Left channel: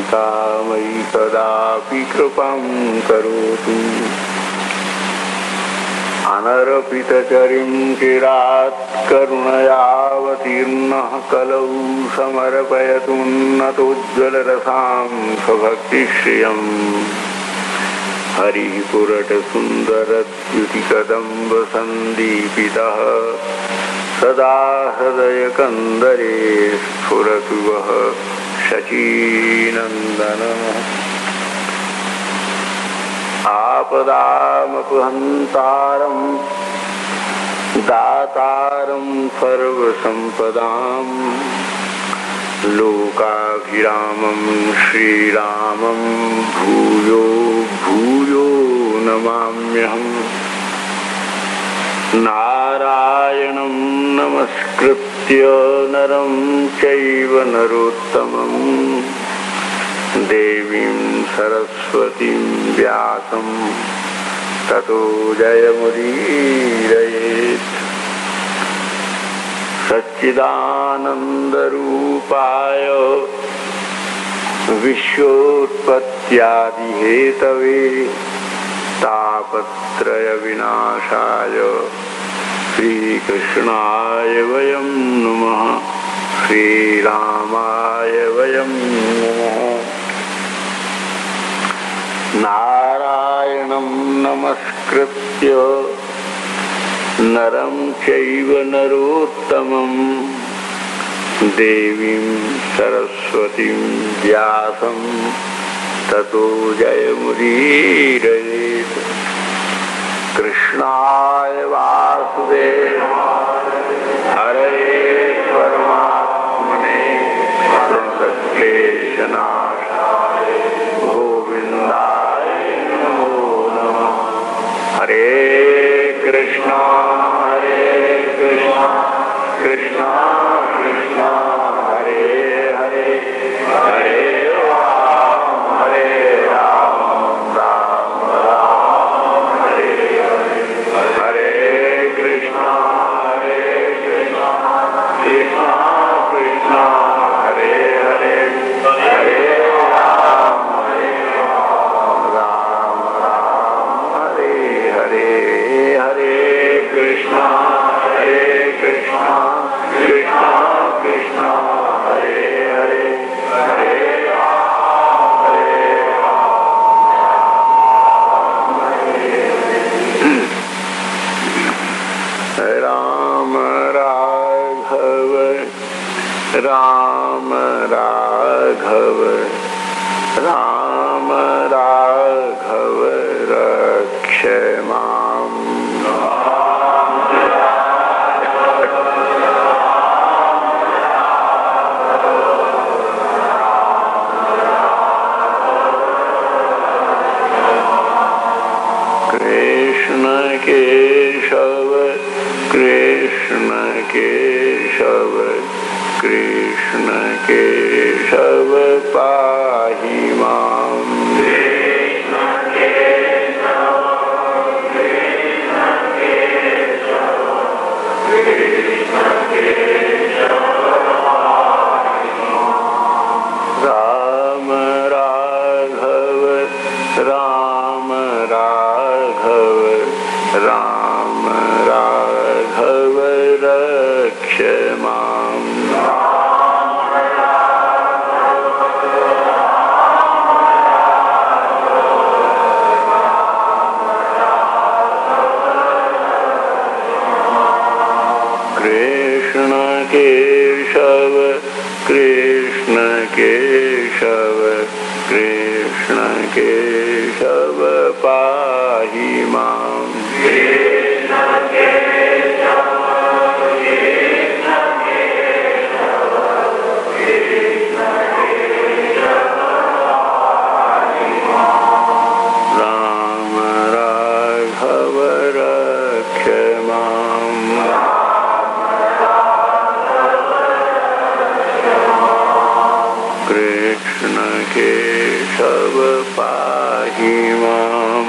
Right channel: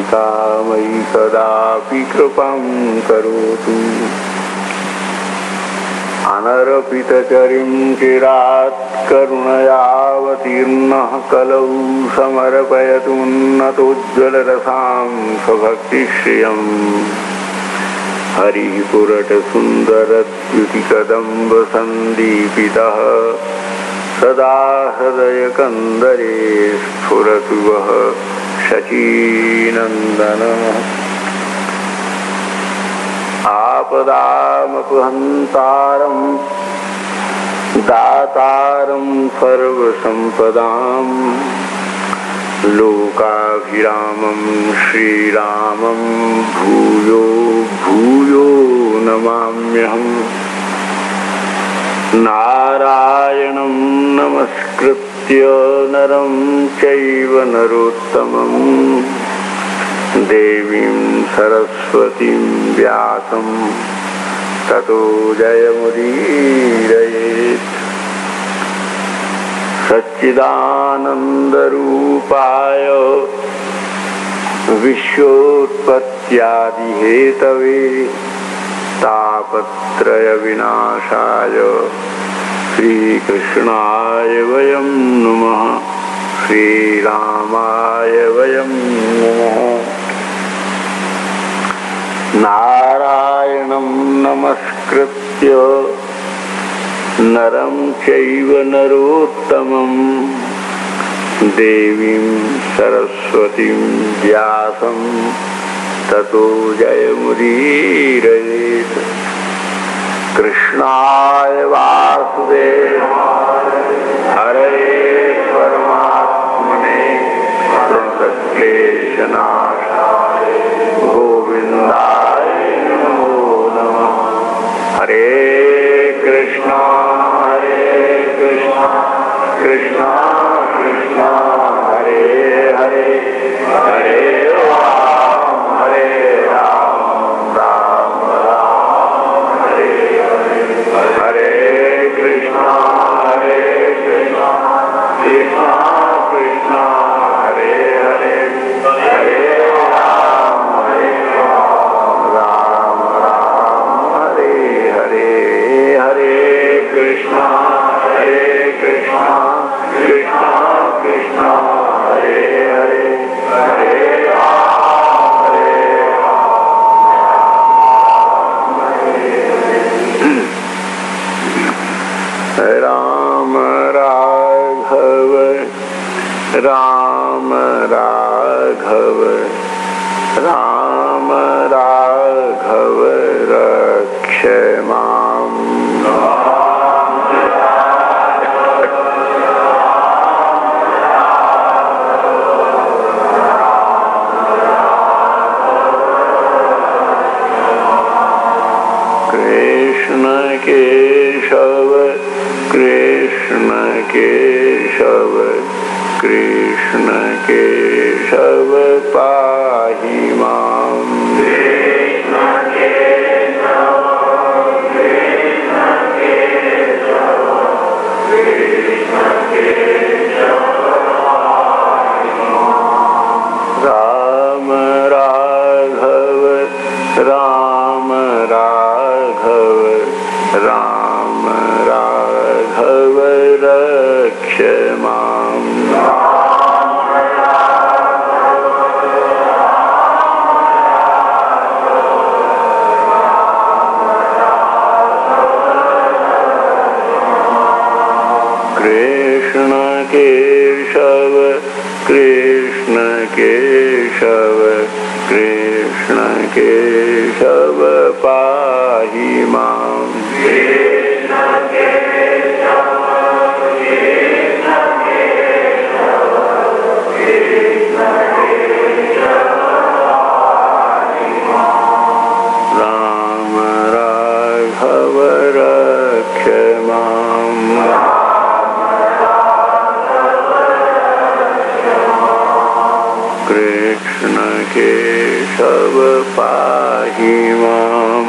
कारुणिका मयि कदापि कृपां करोतु। अनर्पितचरिं चिरात् करुणयावतीर्णः कलौ समर्पयतुन्नतोज्ज्वलरसां स्वभक्तिश्रियम्। हरिपुरटसुन्दरद्युतिकदम्बसन्दीपितः सदा हृदयकन्दरे स्फुरतु वः शचीनन्दनः। आपदामपहन्तारं दातारं सर्वसम्पदां लोकाभिरामं श्रीरामं भूयो भूयो नमाम्यहम्। नारायणं नमस्कृत्य नरं चैव नरोत्तमं देवीं सरस्वतीं व्यासं ततो जयमुदीरयेत्। सच्चिदानन्दरूपाय विश्वोत्पत्त्यादिहेतवे तापत्रयविनाशाय श्रीकृष्णाय वयं नमः। श्रीरामाय वयं नमः। नारायणं नमस्कृत्य नरं चैव नरोत्तमं देवीं सरस्वतीं व्यासं ततो जयमुदीरयेत्। कृष्णाय वासुदेवाय हरे परमात्मने प्रणतक्लेशनाशाय गोविन्दाय नमो नमः। हरे कृष्णा कृष्णा कृष्णा हरे हरे हरे राम राम राम हरे हरे। हरे कृष्णा कृष्णा कृष्णा हरे हरे हरे राम राम हरे हरे। हरे कृष्णा कृष्णा कृष्णा हरे हरे हरे राम राघव राम राघव राम राघव रक्ष माम्। कृष्ण केशव कृष्ण केशव कृष्ण केशव पाहि माम्। राम राघव राम राघव राम राघव रक्ष माम्। कृष्ण केशव कृष्ण केशव कृष्ण केशव पाहि माम्। राम राघव रक्ष माम्। कृष्ण केशव पाहि माम्।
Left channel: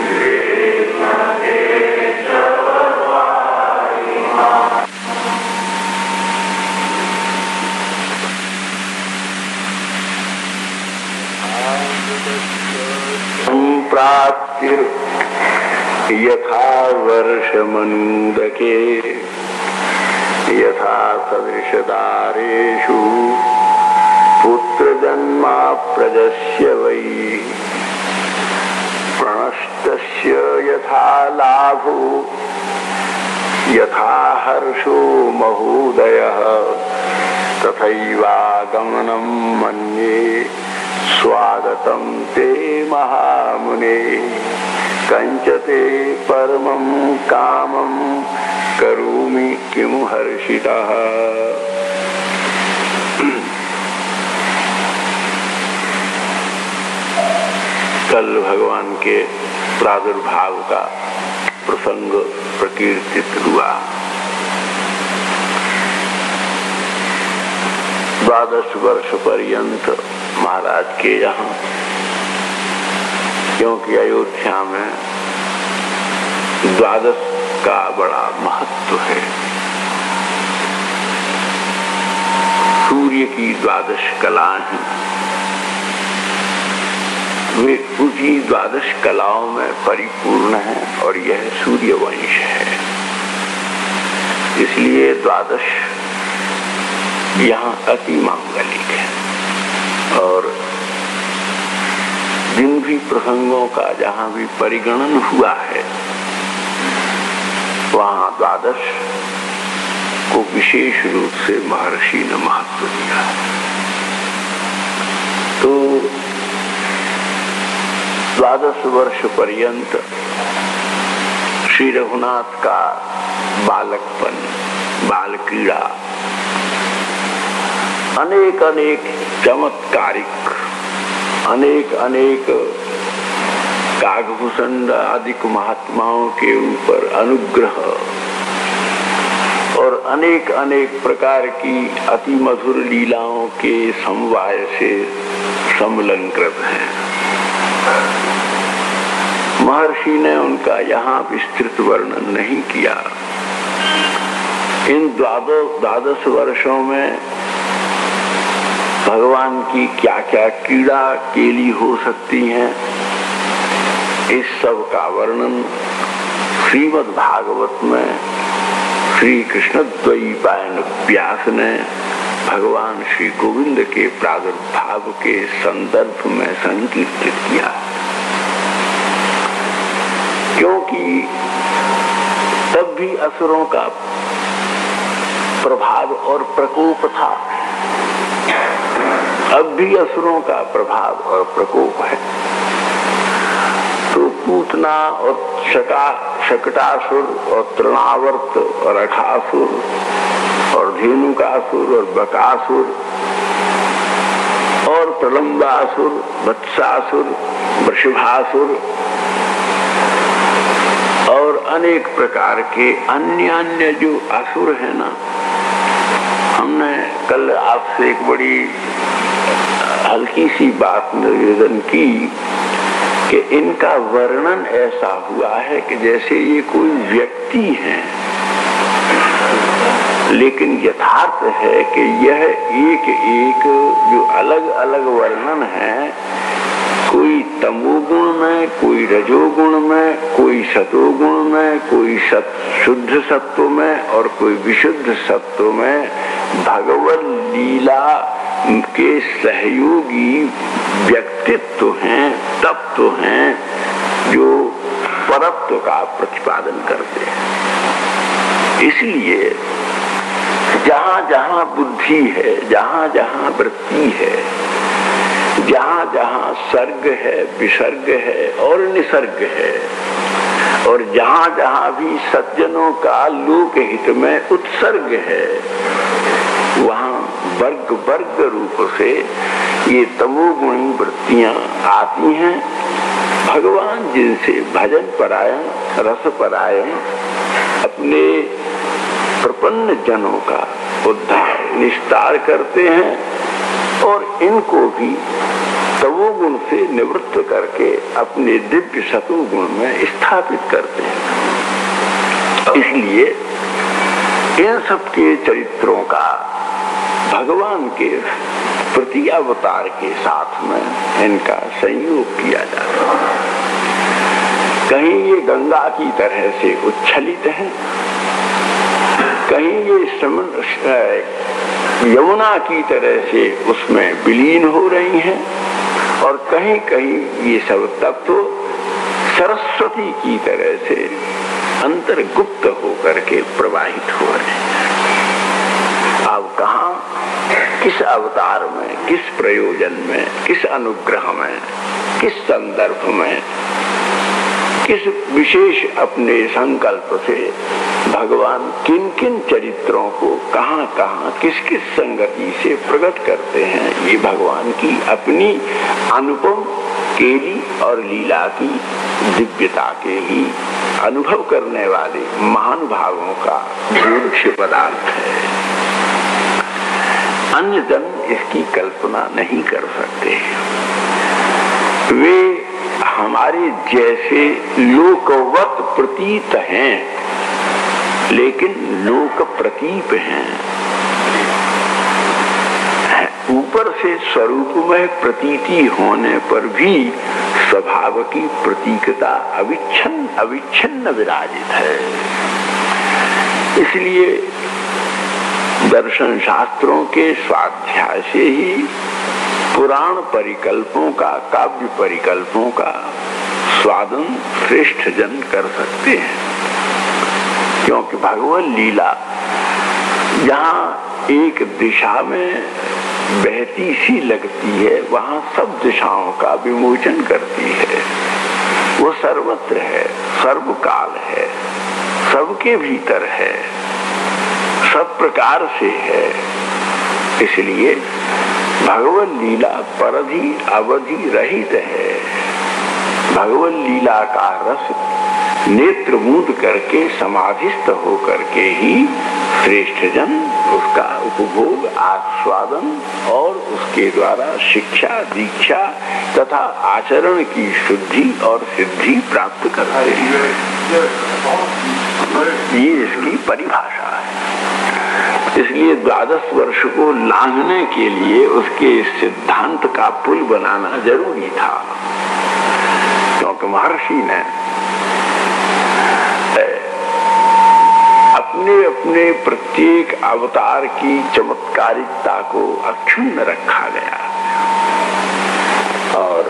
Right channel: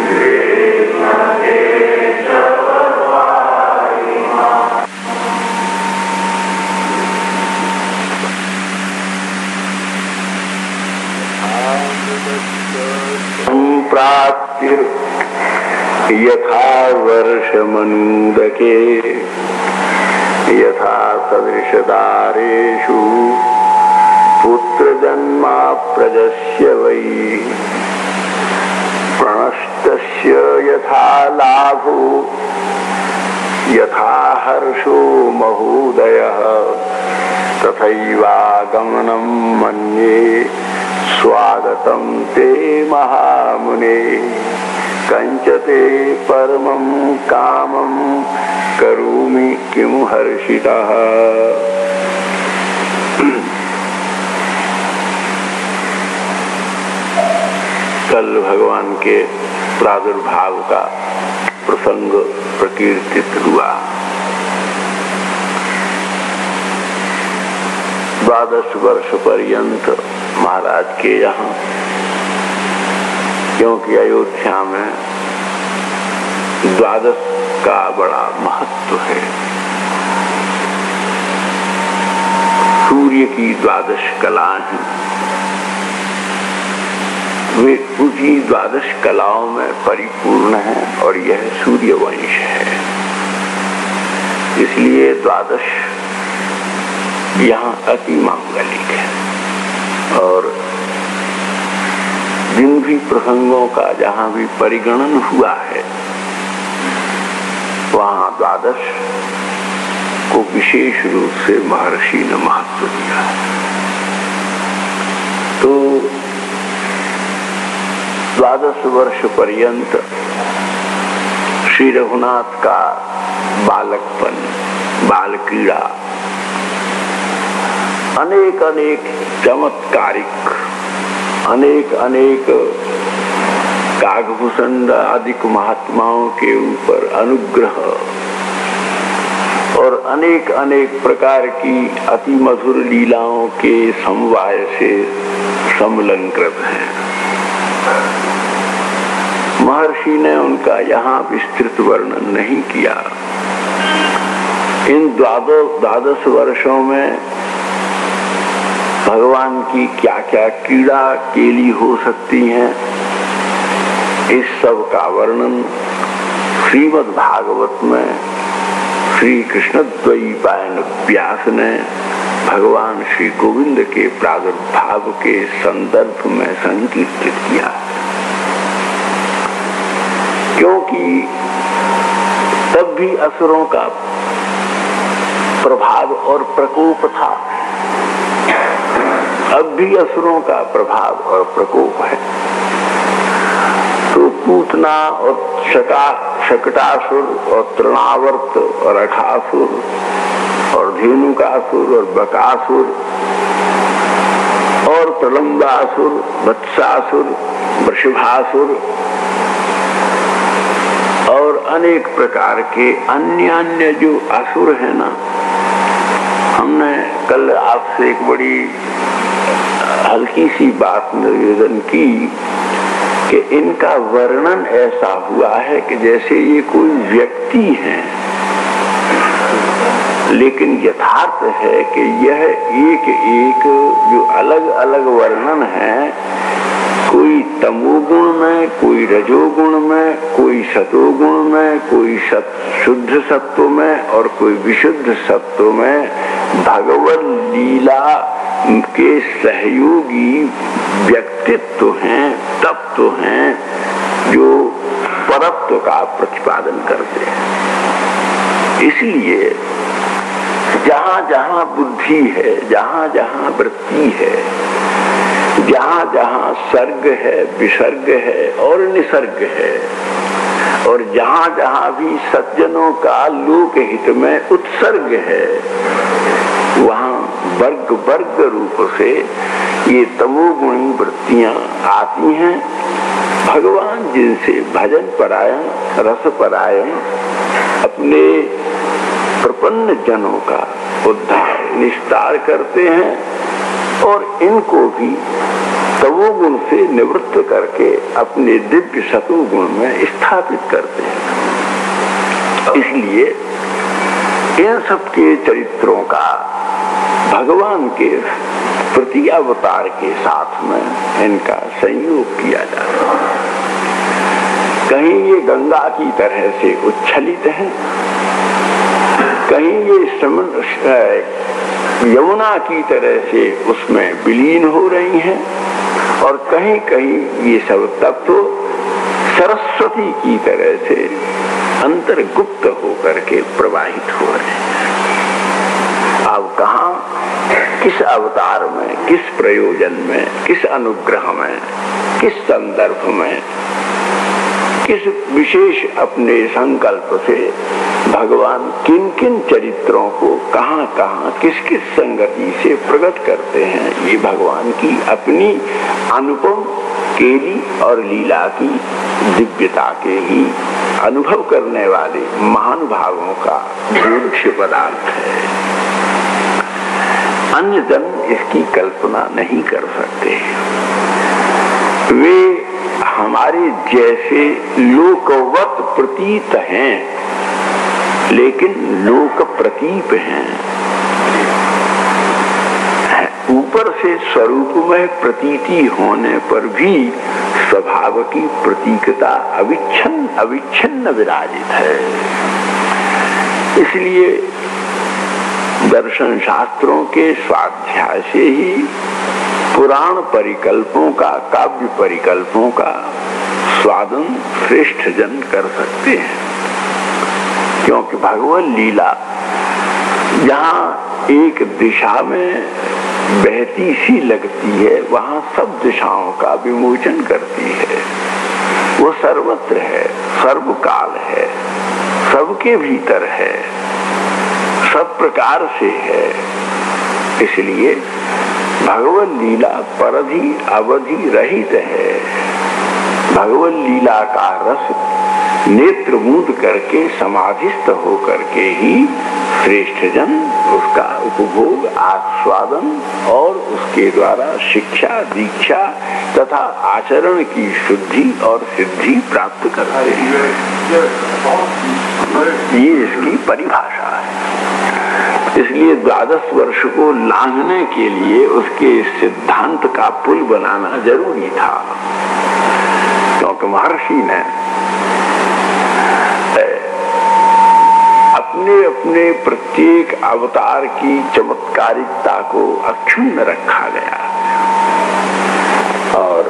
प्राप्ति यथा वर्षमनूदके यथा सदृशदारेषु पुत्रजन्मा प्रजस्य वै प्रणष्टस्य यथा लाभो यथा हर्षो महोदयः तथैवागमनं मन्ये स्वागतं ते महामुने कंचते परमं कामं करोमि किं हर्षितः। कल भगवान के प्रादुर्भाव का प्रसंग प्रकीर्तित हुआ। 12 वर्ष पर्यंत महाराज के यहाँ, क्योंकि अयोध्या में 12 का बड़ा महत्व है। सूर्य की 12 कलाएं हैं, वे उसी 12 कलाओं में परिपूर्ण है और यह सूर्य वंश है। इसलिए 12 यहाँ अति मांगलिक है। और जिन भी प्रसंगों का जहाँ भी परिगणन हुआ है वहाँ 12 को विशेष रूप से महर्षि ने महत्व दिया। तो 12 वर्ष पर्यंत श्री रघुनाथ का बालकपन, बाल क्रीड़ा, अनेक अनेक चमत्कारिक, अनेक अनेक काकभूषण आदि महात्माओं के ऊपर अनुग्रह और अनेक अनेक प्रकार की अति मधुर लीलाओं के समवाय से समलंकृत है। महर्षि ने उनका यहाँ विस्तृत वर्णन नहीं किया। इन 12 वर्षों में भगवान की क्या क्या क्रीड़ा केली हो सकती हैं, इस सब का वर्णन श्रीमद् भागवत में श्री कृष्णद्वैपायन व्यास ने भगवान श्री गोविंद के प्रादुर्भाव के संदर्भ में संकीर्तित किया। क्योंकि तब भी असुरों का प्रभाव और प्रकोप था, अब भी असुरों का प्रभाव और प्रकोप है। तो पूतना और शकटासुर और तृणावर्त और अठासुर और धेनुकासुर और बकासुर और प्रलंबासुर, वत्सासुर, वृषभासुर और अनेक प्रकार के अन्य जो असुर है ना, हमने कल आपसे एक बड़ी हल्की सी बात निवेदन की कि इनका वर्णन ऐसा हुआ है कि जैसे ये कोई व्यक्ति है, लेकिन यथार्थ है कि यह एक एक जो अलग अलग वर्णन है, कोई तमोगुण में, कोई रजोगुण में, कोई सतोगुण में, कोई शुद्ध सत्व में और कोई विशुद्ध सत्व में भगवत लीला के सहयोगी व्यक्तित्व हैं, तत्व हैं जो परत्व का प्रतिपादन करते हैं। इसलिए जहाँ जहाँ बुद्धि है, जहाँ जहाँ वृत्ति है, जहाँ जहाँ सर्ग है, विसर्ग है और निसर्ग है, और जहाँ जहाँ भी सज्जनों का लोक हित में उत्सर्ग है, वहाँ वर्ग वर्ग रूप से ये तमोगुणी वृत्तियां आती हैं। भगवान जिनसे भजन परायण, रस परायण अपने प्रपन्न जनों का उद्धार निस्तार करते हैं और इनको भी तमोगुण से निवृत्त करके अपने दिव्य सतोगुण में स्थापित करते हैं। इसलिए इन सब के चरित्रों का भगवान के प्रति अवतार के साथ में इनका संयोग किया जाता है। कहीं ये गंगा की तरह से उच्छलित है, कहीं ये यमुना की तरह से उसमें विलीन हो रही हैं, और कहीं कहीं ये सब तत्व सरस्वती की तरह से अंतर्गुप्त होकर के प्रवाहित हो रहे हैं। अब कहाँ, किस अवतार में, किस प्रयोजन में, किस अनुग्रह में, किस संदर्भ में, किस विशेष अपने संकल्प से भगवान किन किन चरित्रों को कहाँ कहाँ किस किस संगति से प्रकट करते हैं, ये भगवान की अपनी अनुपम केली और लीला की दिव्यता के ही अनुभव करने वाले महान भावों का बोध्य पदार्थ है। अन्य जन इसकी कल्पना नहीं कर सकते। वे हमारे जैसे लोकवत प्रतीत हैं, लेकिन लोक प्रतीप हैं। ऊपर से स्वरूप में प्रतीति होने पर भी स्वभाव की प्रतीकता अविच्छिन्न विराजित है। इसलिए दर्शन शास्त्रों के स्वाध्याय से ही पुराण परिकल्पों का, काव्य परिकल्पों का स्वादन श्रेष्ठ जन कर सकते हैं। क्योंकि भगवत लीला जहाँ एक दिशा में बहती सी लगती है, वहाँ सब दिशाओं का विमोचन करती है। वो सर्वत्र है, सर्वकाल है, सबके भीतर है, सब प्रकार से है। इसलिए भगवत लीला परधि अवधि रहित है। भगवत लीला का रस नेत्र मूंद करके समाधिस्थ होकर के ही श्रेष्ठ जन उसका उपभोग, आस्वादन और उसके द्वारा शिक्षा, दीक्षा तथा आचरण की शुद्धि और सिद्धि प्राप्त करते हैं। ये इसकी परिभाषा है। इसलिए 12 वर्ष को लांघने के लिए उसके सिद्धांत का पुल बनाना जरूरी था, क्योंकि महर्षि ने अपने प्रत्येक अवतार की चमत्कारिकता को अक्षुण्ण रखा गया। और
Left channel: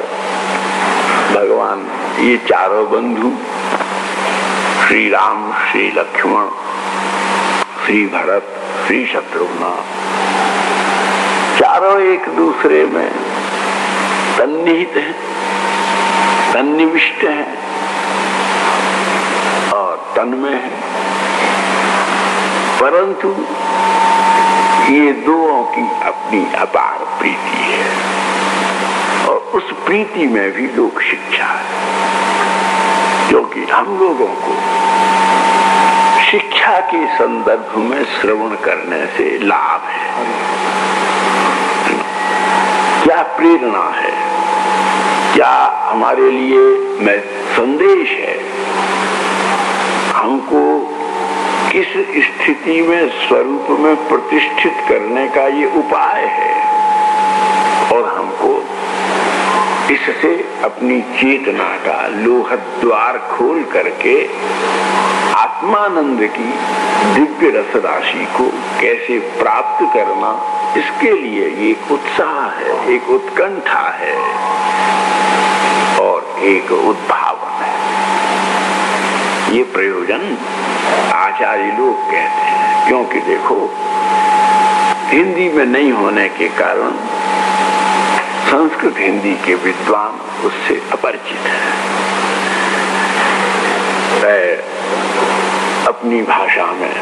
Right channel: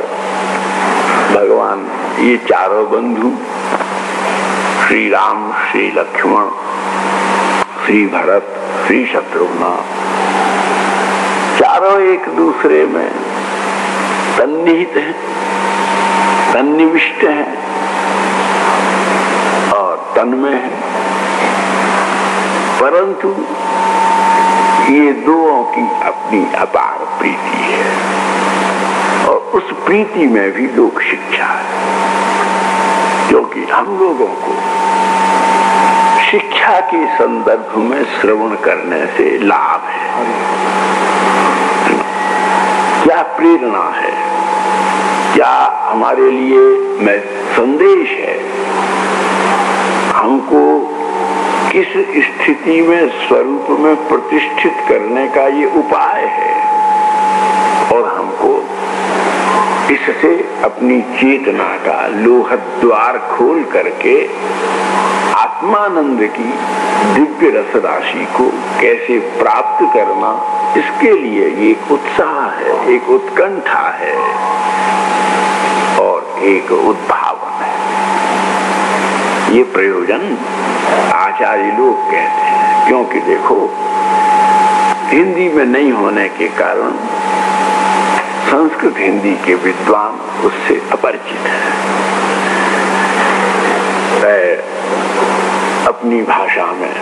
भगवान ये चारों बंधु, श्री राम, श्री लक्ष्मण, श्री भरत, श्री शत्रुघ्न, चारों एक दूसरे में सन्निहित हैं, सन्निविष्ट हैं और तन्मय हैं। परंतु ये दोनों की अपनी अपार प्रीति है, और उस प्रीति में भी लोक शिक्षा है। क्योंकि हम लोगों को शिक्षा के संदर्भ में श्रवण करने से लाभ है, क्या प्रेरणा है, क्या हमारे लिए संदेश है, हमको किस स्थिति में स्वरूप में प्रतिष्ठित करने का ये उपाय है, और हमको इससे अपनी चेतना का लोहत द्वार खोल करके आत्मानंद की दिव्य रस राशि को कैसे प्राप्त करना, इसके लिए एक उत्साह है, एक उत्कंठा है और एक उद्भावन है। ये प्रयोजन आचार्य लोग कहते हैं। क्योंकि देखो, हिंदी में नहीं होने के कारण संस्कृत हिंदी के विद्वान उससे अपरिचित हैं। अपनी भाषा में,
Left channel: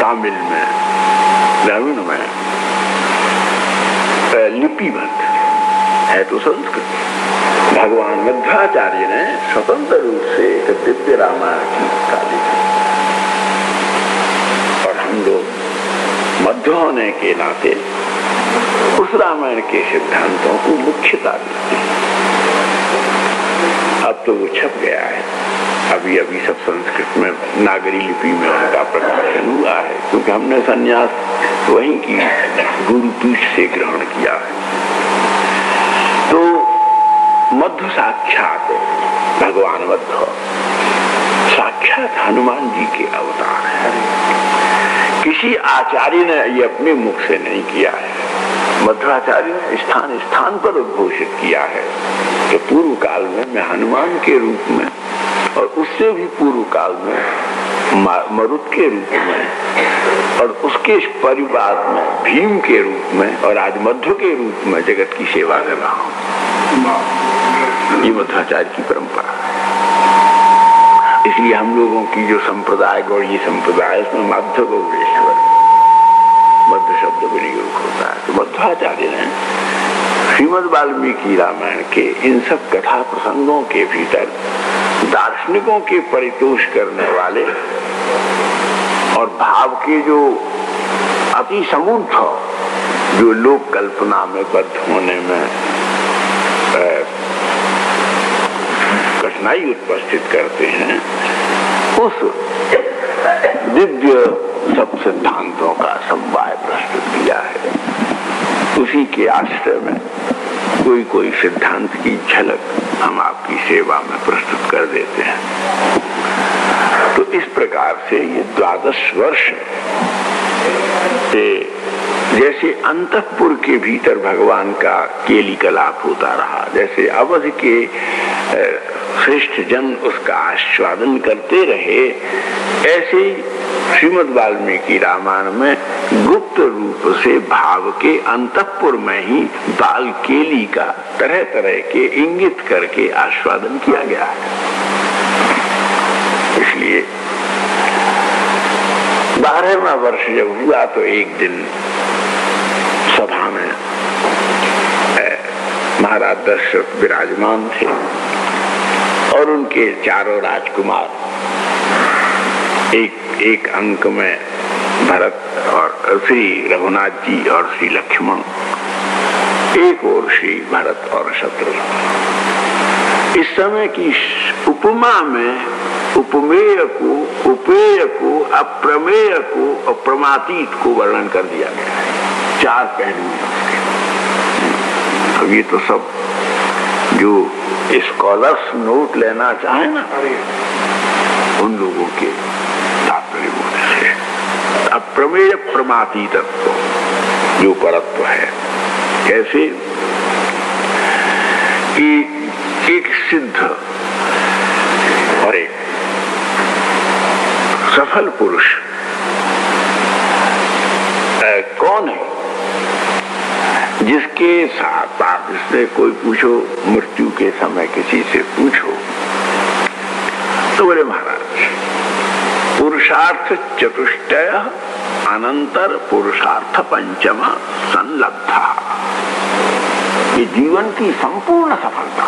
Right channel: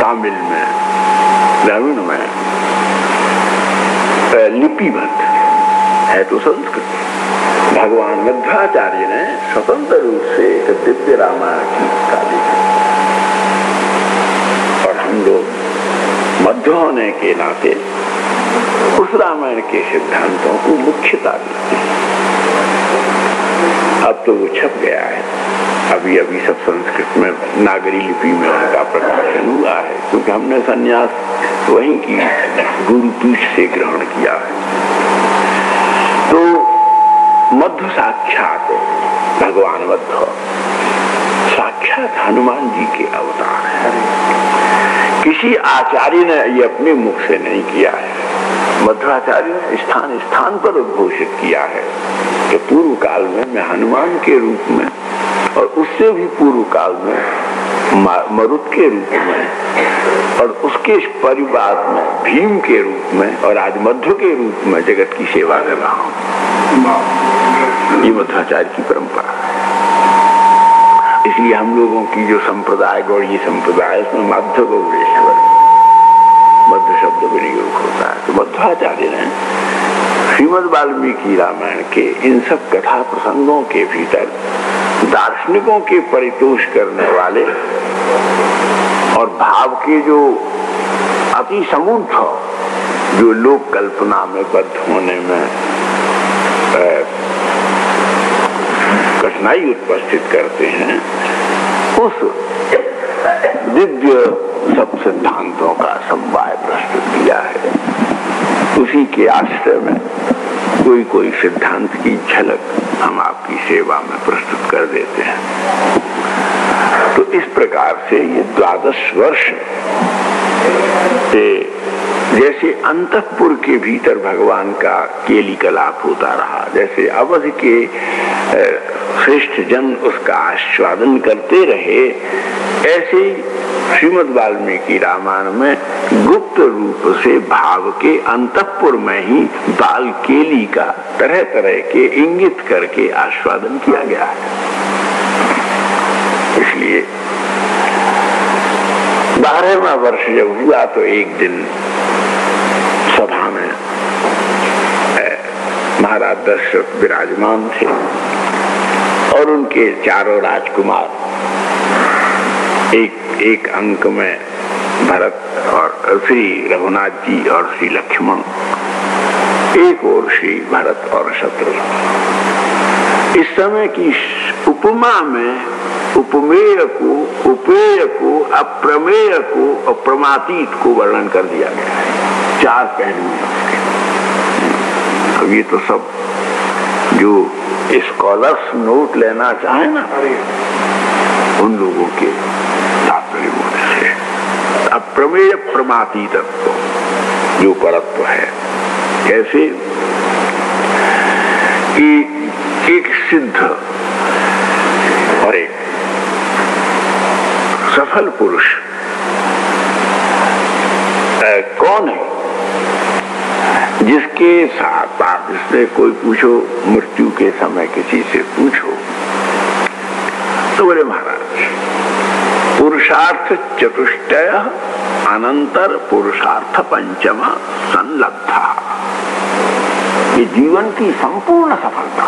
तमिल में, द्रविड़ में लिपिबद्ध है तो संस्कृत। भगवान मध्वाचार्य ने स्वतंत्र रूप से एक दिव्य रामायण की काली, और हम लोग मध्य होने के नाते उस रामायण के सिद्धांतों को मुख्यता दी। अब तो वो छप गया है, अभी अभी सब संस्कृत में नागरी लिपि में उनका प्रकाशन हुआ है, क्योंकि हमने संन्यास वहीं की गुरुपीठ से ग्रहण किया है। तो मध्व साक्षात भगवान मध्व साक्षात हनुमान जी के अवतार है। किसी आचार्य ने ये अपने मुख से नहीं किया है, मध्वाचार्य ने स्थान स्थान पर उद्घोषित किया है कि पूर्व काल में मैं हनुमान के रूप में और उससे भी पूर्व काल में मरुत के रूप में और उसके परिवार में भीम के रूप में और आज मध्व के रूप में जगत की सेवा कर रहा हूँ। ये मध्वाचार्य की परंपरा है। इसलिए हम लोगों की जो संप्रदाय गौड़ी संप्रदाय उसमें मध्व गौड़ेश्वर मध्य शब्द विनियोग होता है। तो मध्वाचार्य ने श्रीमद् वाल्मीकि रामायण के इन सब कथा प्रसंगों के भीतर दार्शनिकों के परितोष करने वाले और भाव के जो अति समूर्थ जो लोक कल्पना में बद्ध होने में कठिनाई उपस्थित करते हैं, उस दिव्य सब सिद्धांतों का समवाय प्रस्तुत किया है। उसी के आश्रय में कोई सिद्धांत की झलक हम आपकी सेवा में प्रस्तुत कर देते हैं। तो इस प्रकार से ये 12 वर्ष से जैसे अंतःपुर के भीतर भगवान का केली कलाप होता रहा, जैसे अवध के श्रेष्ठ जन उसका आस्वादन करते रहे, ऐसे श्रीमद् वाल्मीकि रामायण में गुप्त रूप से भाव के अंतःपुर में ही बाल केली का तरह तरह के इंगित करके आस्वादन किया गया है। इसलिए 12वां वर्ष जब हुआ तो एक दिन सभा में महाराज दशरथ विराजमान थे और उनके चारों राजकुमार एक अंक में भरत और श्री रघुनाथ जी और श्री लक्ष्मण, एक और श्री भरत और शत्रुघ्न। इस समय की उपमा में उपमेय को, उपेय को, अप्रमेय को और प्रमातीत को वर्णन कर दिया गया है। 4 पहलू हैं। अब ये तो सब जो स्कॉलर्स नोट लेना चाहे ना, उन लोगों के तात्पर्य से अप्रमेय प्रमाती तत्व जो परत्व है, कैसे कि एक सिद्ध और एक सफल पुरुष कौन है, जिसके साथ आप इससे कोई पूछो, मृत्यु के समय किसी से पूछो तो बोले महाराज पुरुषार्थ चतुष्टय अनंतर पुरुषार्थ पंचम संलब्धा, ये जीवन की संपूर्ण सफलता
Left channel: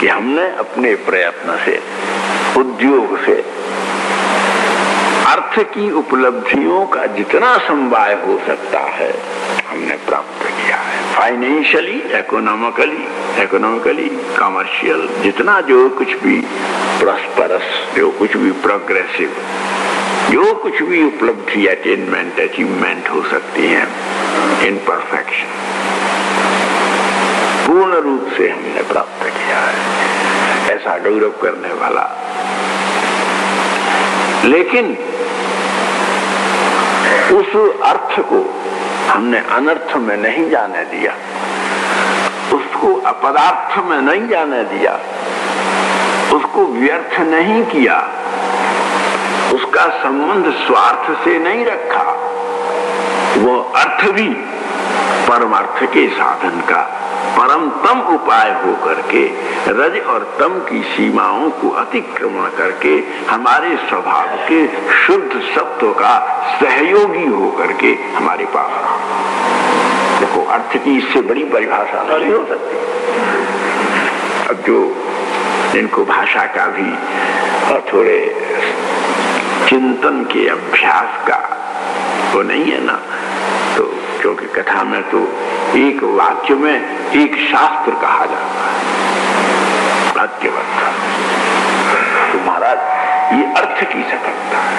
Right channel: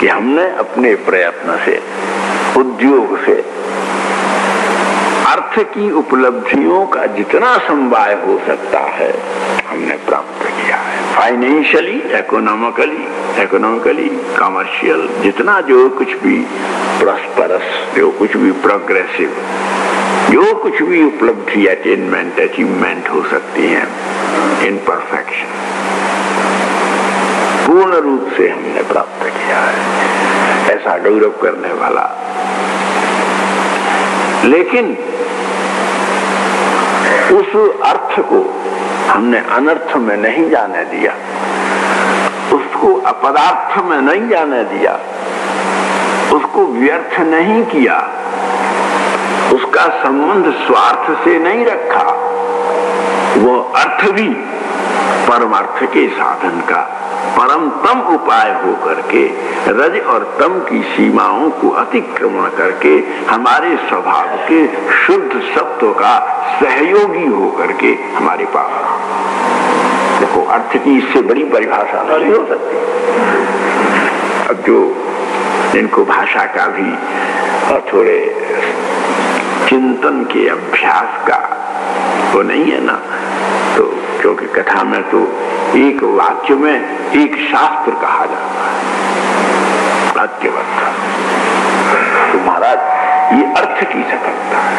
कि हमने अपने प्रयत्न से, उद्योग से अर्थ की उपलब्धियों का जितना समवाय हो सकता है हमने प्राप्त किया है। फाइनेंशियली, इकोनॉमिकली, कमर्शियल, जितना जो कुछ भी प्रॉस्परस, जो कुछ भी प्रोग्रेसिव, जो कुछ भी उपलब्धि, अटेनमेंट, अचीवमेंट हो सकती है इन परफेक्शन, पूर्ण रूप से हमने प्राप्त किया है। ऐसा गौरव करने वाला, लेकिन उस अर्थ को हमने अनर्थ में नहीं जाने दिया, उसको अपदार्थ में नहीं जाने दिया, उसको व्यर्थ नहीं किया, उसका संबंध स्वार्थ से नहीं रखा। वो अर्थ भी परमार्थ के साधन का परमतम उपाय होकर के रज और तम की सीमाओं को अतिक्रमण करके हमारे स्वभाव के शुद्ध सत्व का सहयोगी होकर के हमारे पास रहा। देखो, अर्थ की इससे बड़ी परिभाषा नहीं हो सकती। अब जो इनको भाषा का भी और थोड़े चिंतन के अभ्यास का वो नहीं है ना, तो क्योंकि कथा में तो एक वाक्य में एक शास्त्र कहा जाता है, भाग्यवंत। तो महाराज ये अर्थ की सफलता है।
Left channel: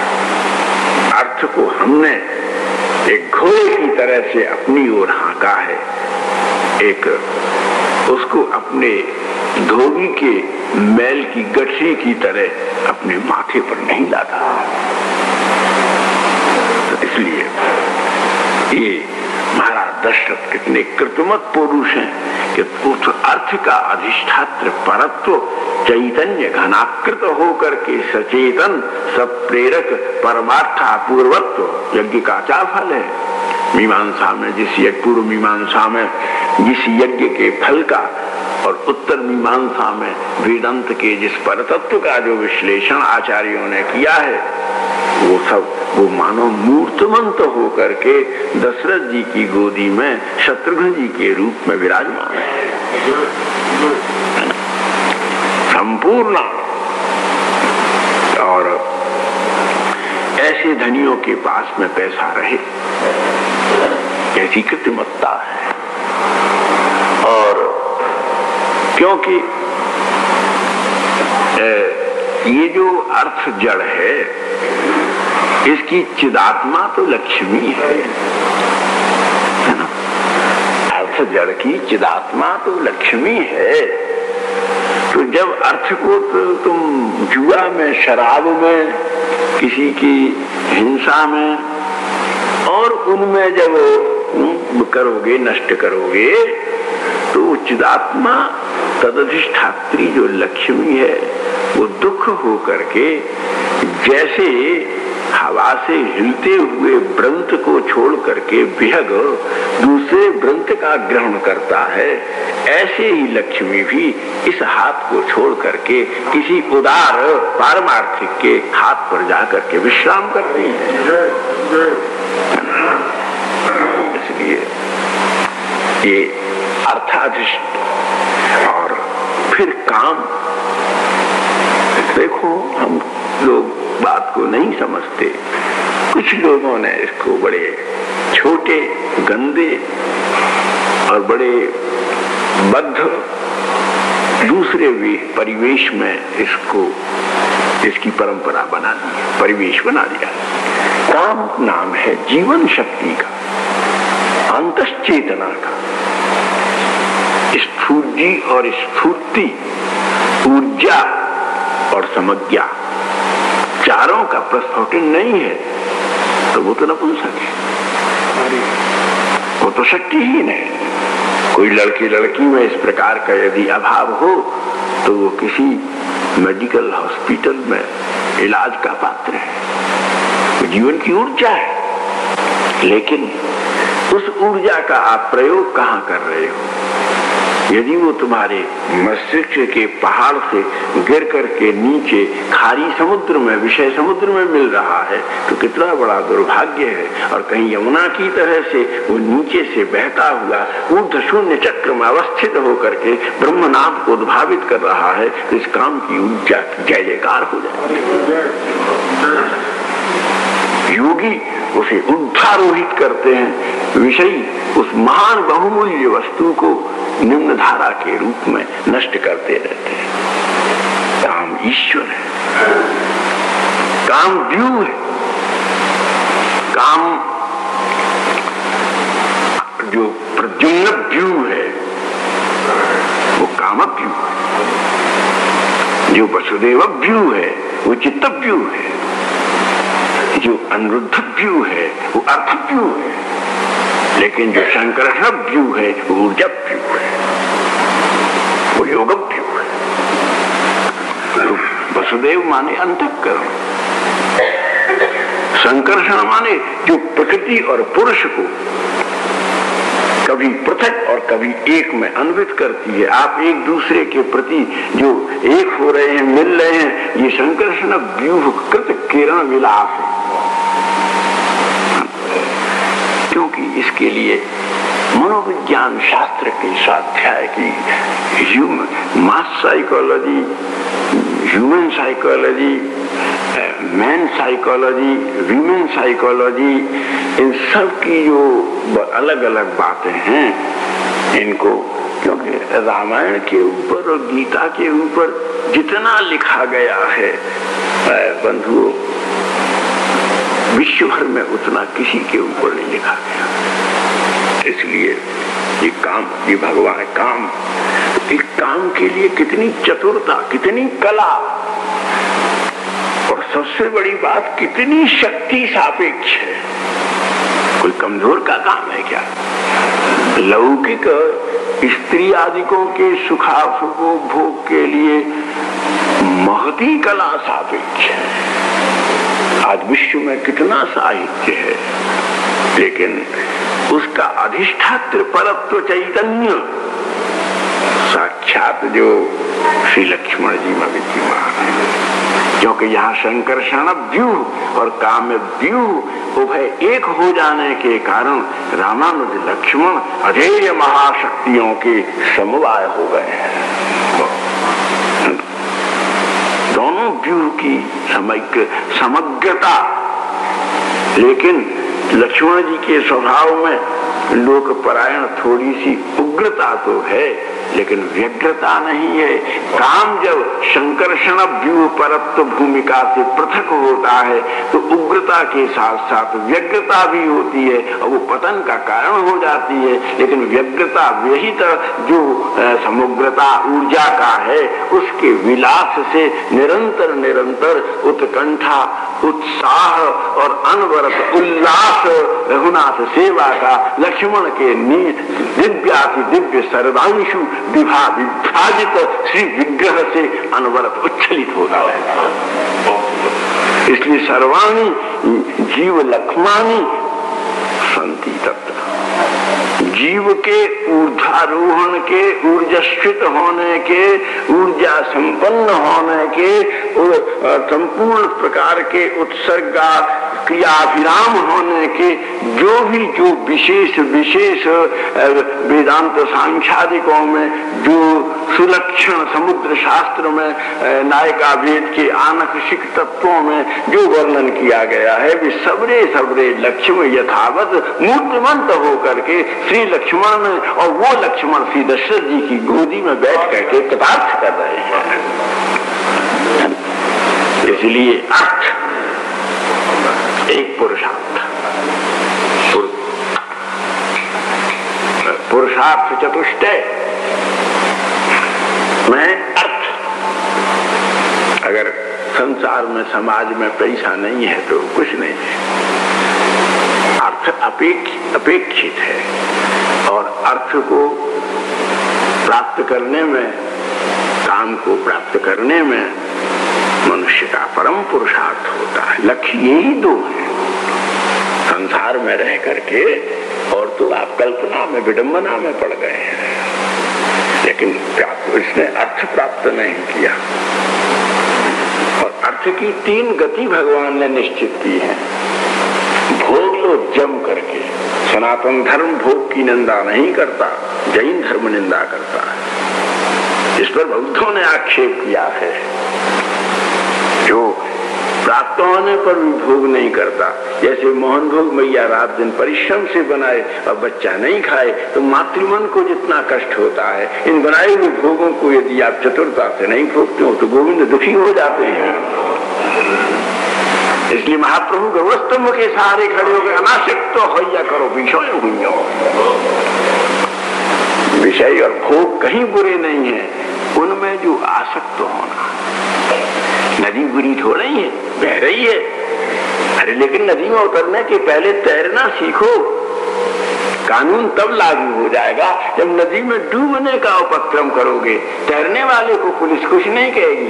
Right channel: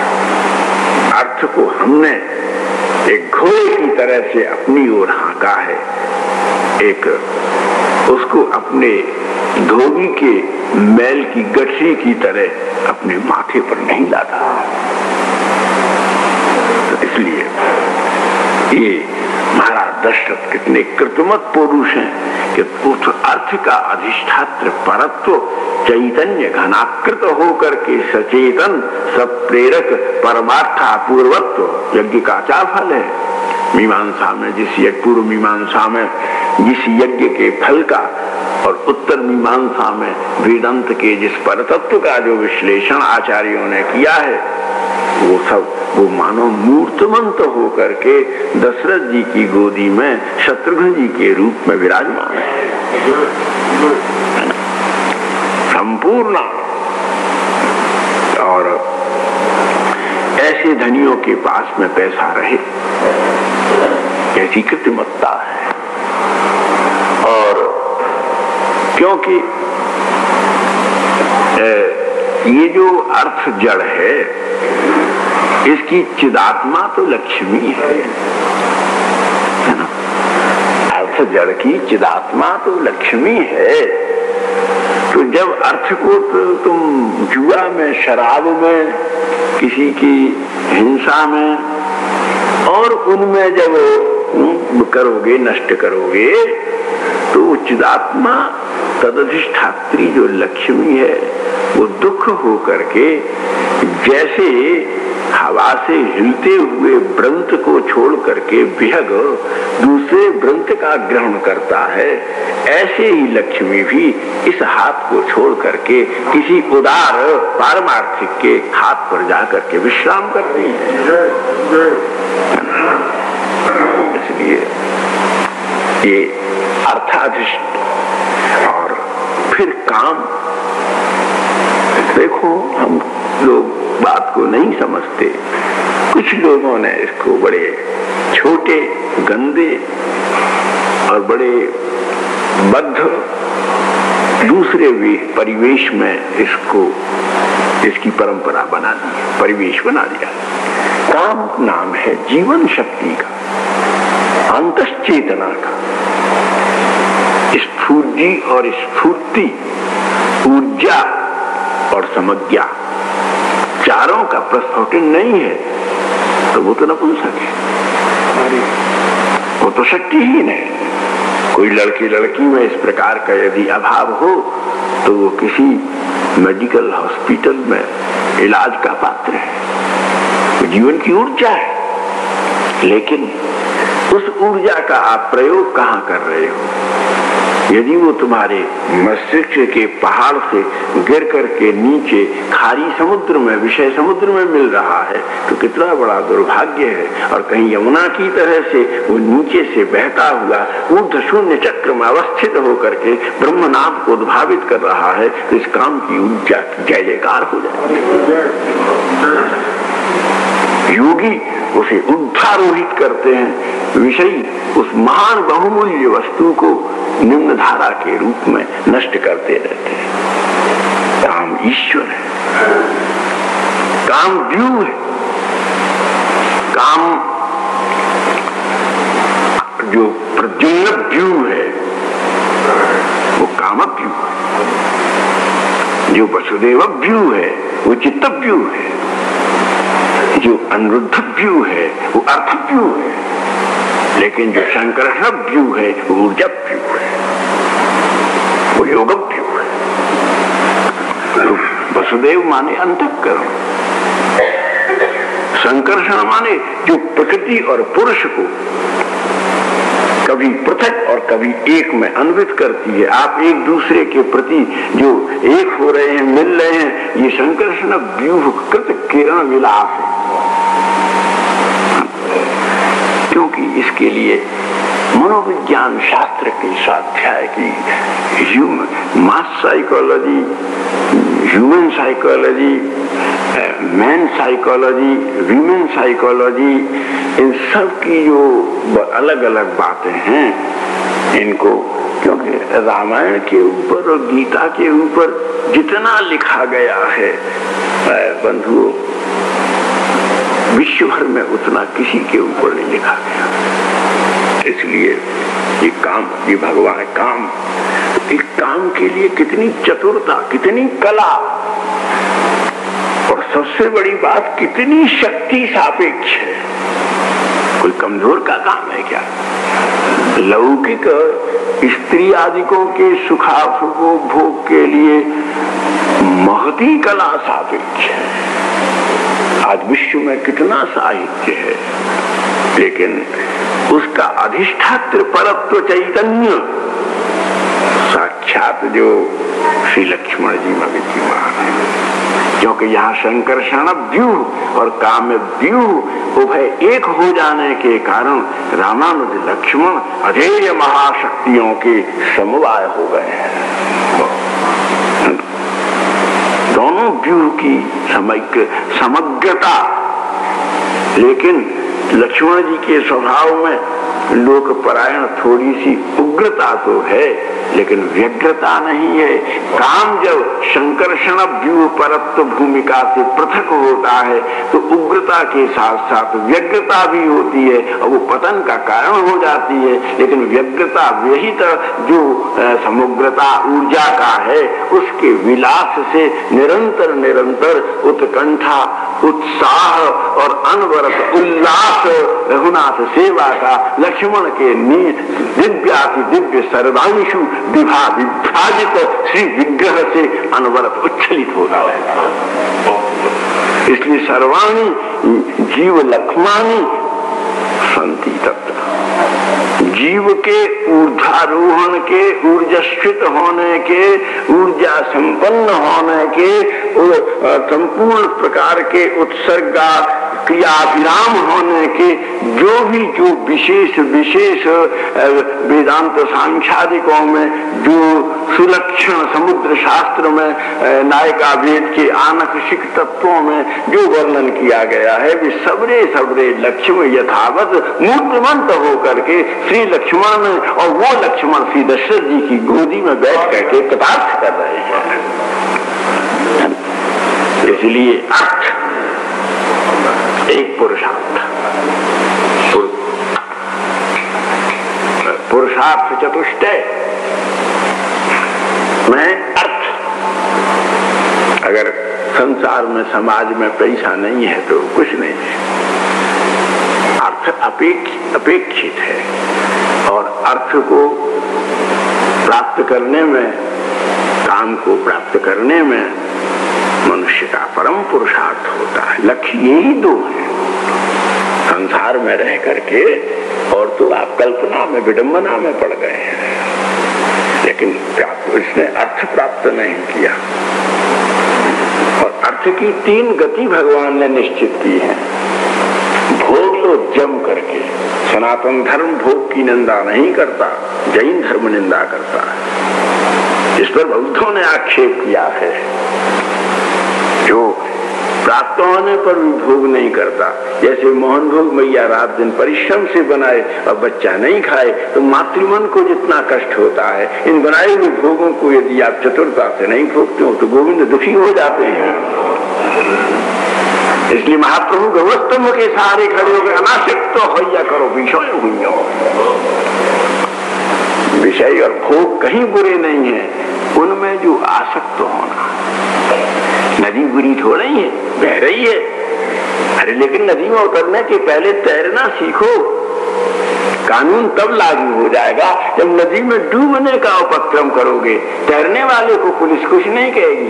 अर्थ को हमने एक घोड़े की तरह से अपनी ओर हाँका है, एक उसको अपने धोबी के मैल की गठरी की तरह अपने माथे पर नहीं लाता। तो इसलिए ये महाराज दशरथ कितने कृतमत पुरुष हैं कि उस अर्थ का अधिष्ठात्र परत्व चैतन्य घनाकृत होकर के सचेतन सब प्रेरक परमार्थापूर्वत्व यज्ञ का आचार फल है। मीमांसा में पूर्व मीमांसा में जिस यज्ञ के फल का और उत्तर मीमांसा में वेदांत के जिस परतत्व का जो विश्लेषण आचार्यों ने किया है, वो सब वो मानो मूर्तमंत होकर के दशरथ जी की गोदी में शत्रुघ्न जी के रूप में विराजमान है। संपूर्ण और ऐसे धनियों के पास में पैसा रहे, ऐसी कृत्रिमत्ता है। और क्योंकि ये जो अर्थ जड़ है, इसकी चिदात्मा तो लक्ष्मी है ना। अर्थ जड़ की चिदात्मा तो लक्ष्मी है। तो जब अर्थ को तो तुम जुआ में, शराब में, किसी की हिंसा में और उनमें जब करोगे, नष्ट करोगे, तो चिदात्मा तदधिष्ठात्री जो लक्ष्मी है वो दुख होकर के जैसे हवा से हिलते हुए व्रंत को छोड़ करके विहग दूसरे व्रंत का ग्रहण करता है, ऐसे ही लक्ष्मी भी इस हाथ को छोड़ करके किसी उदार पारमार्थिक के हाथ पर जाकर के विश्राम करती है। इसलिए ये अर्थाधिष्ठ। और फिर काम, देखो हम लोग बात को नहीं समझते। कुछ लोगों ने इसको बड़े छोटे, गंदे और बड़े बद्ध दूसरे परिवेश में इसकी परंपरा बना दी, परिवेश बना दिया। काम नाम है जीवन शक्ति का, अंतश्चेतना का, स्फूर्ति और स्फूर्ति, ऊर्जा और समज्ञा, चारों का प्रस्फुटन नहीं है तो वो तो नपुंसक है, वो तो शक्तिहीन है। कोई लड़की में इस प्रकार का यदि अभाव हो तो वो किसी मेडिकल हॉस्पिटल में इलाज का पात्र है। वो जीवन की ऊर्जा है, लेकिन उस ऊर्जा का आप प्रयोग कहाँ कर रहे हो? यदि वो तुम्हारे मस्तिष्क के पहाड़ से गिर करके नीचे खारी समुद्र में, विषय समुद्र में मिल रहा है तो कितना बड़ा दुर्भाग्य है। और कहीं यमुना की तरह से वो नीचे से बहता हुआ ऊर्ध्व शून्य चक्र में अवस्थित होकर के ब्रह्मनाभ को उद्भावित कर रहा है तो इस काम की ऊर्जा जय जयकार हो जाए। योगी उसे उद्धारोहित करते हैं, विषयी उस महान बहुमूल्य वस्तु को निम्न धारा के रूप में नष्ट करते रहते हैं। काम ईश्वर है, काम व्यू है, काम जो प्रद्युम्न व्यू है वो काम व्यू है, जो वसुदेव व्यू है वो चित्त व्यू है, जो अनिरुद्ध व्यू है वो अर्थ व्यू है, लेकिन जो शंकर व्यू है वो ऊर्जा व्यू है, वो योग व्यू है। तो वसुदेव माने अंतःकरण, संकर्षण माने जो प्रकृति और पुरुष को कभी पृथक और कभी एक में अन्वित करती है। आप एक दूसरे के प्रति जो एक हो रहे हैं, मिल रहे हैं, ये संकर्षण व्यूह कृत किरण विलास है। क्योंकि इसके लिए मनोविज्ञान शास्त्र के स्वाध्याय की mass psychology, human psychology, man psychology, women psychology, इन सब की जो अलग अलग बातें हैं, इनको क्योंकि रामायण के ऊपर और गीता के ऊपर जितना लिखा गया है बंधुओं, विश्व भर में उतना किसी के ऊपर नहीं लिखा गया। इसलिए ये काम, ये भगवान काम, इस काम के लिए कितनी चतुरता, कितनी कला, और सबसे बड़ी बात कितनी शक्ति सापेक्ष है। कोई कमजोर का काम है क्या? लौकिक स्त्री आदिकों के सुखोपभोग के लिए महती कला सापेक्ष है। आज विश्व में कितना साहित्य है, लेकिन उसका अधिष्ठात्र परत्व चैतन्य साक्षात जो श्री लक्ष्मण जी में विद्यमान है। क्योंकि यहाँ संकर्षण व्यूह और काम्य व्यूह उभय एक हो जाने के कारण रामानुज लक्ष्मण अधेय महाशक्तियों के समवाय हो गए हैं। दोनों व्यूह की समग्रता, लेकिन लक्ष्मण जी के स्वभाव में लोकपरायण थोड़ी सी उग्रता तो है, लेकिन व्यग्रता नहीं है। काम जब संकर्षण व्यूह परत्व भूमिका से पृथक होता है तो उग्रता के साथ साथ व्यग्रता भी होती है और वो पतन का कारण हो जाती है। लेकिन व्यग्रता विहित जो समुग्रता ऊर्जा का है, उसके विलास से निरंतर निरंतर उत्कंठा, उत्साह और अनवरत उल्लास रघुनाथ सेवा का लक्ष्मण के दिव्याति दिव्य सर्वांशु विभाजित श्री विग्रह से अनवरत उच्छलित होता रहता। इसलिए सर्वाणी जीव लक्ष्माणी संति तत्व, जीव के ऊर्ध्वारोहण के, ऊर्जास्वित होने के, ऊर्जा संपन्न होने के, संपूर्ण प्रकार के उत्सर्गा क्रियाभिराम होने के जो विशेष वेदांत सांख्यादिकों में जो सुलक्षण समुद्र शास्त्र में नायिका वेद के आनखशिक तत्वों में जो वर्णन किया गया है, वे सबरे लक्ष्मण यथावत मूर्तिमंत होकर के श्री लक्ष्मण में, और वो लक्ष्मण श्री दशरथ जी की गोदी में बैठ करके कृतार्थ कर रहे हैं। इसलिए अर्थ एक पुरुषार्थ चतुष्टय में अर्थ। अगर संसार में समाज में पैसा नहीं है तो कुछ नहीं है। अर्थ अपेक्षित है, और अर्थ को प्राप्त करने में, काम को प्राप्त करने में मनुष्य का परम पुरुषार्थ होता है। लक्ष्य यही दो है संसार में रह करके, और तो आप कल्पना में, विडंबना में पड़ गए हैं, लेकिन इसने अर्थ प्राप्त नहीं किया। और अर्थ की तीन गति भगवान ने निश्चित की है। भोग लो जम करके। सनातन धर्म भोग की निंदा नहीं करता, जैन धर्म निंदा करता है। इस पर बौद्धों ने आक्षेप किया है, जो प्राप्त होने पर भी भोग नहीं करता। जैसे मोहन भोग मैया रात दिन परिश्रम से बनाए और बच्चा नहीं खाए तो मातृमन को जितना कष्ट होता है, इन बनाए हुए भोगों को यदि आप चतुरता से नहीं भोगते हो तो गोविंद दुखी हो जाते हैं। इसलिए महाप्रभु गौस्तंभ के सहारे खड़े हो गए, अनासक्त होइया करो विषय हुई। विषय और भोग कहीं बुरे नहीं है, उनमें जो आसक्त होना। नदी बुरी थोड़ी है, बह रही है, अरे लेकिन नदी में उतरने के पहले तैरना सीखो। कानून तब लागू हो जाएगा जब नदी में डूबने का उपक्रम करोगे। तैरने वाले को पुलिस कुछ नहीं कहेगी,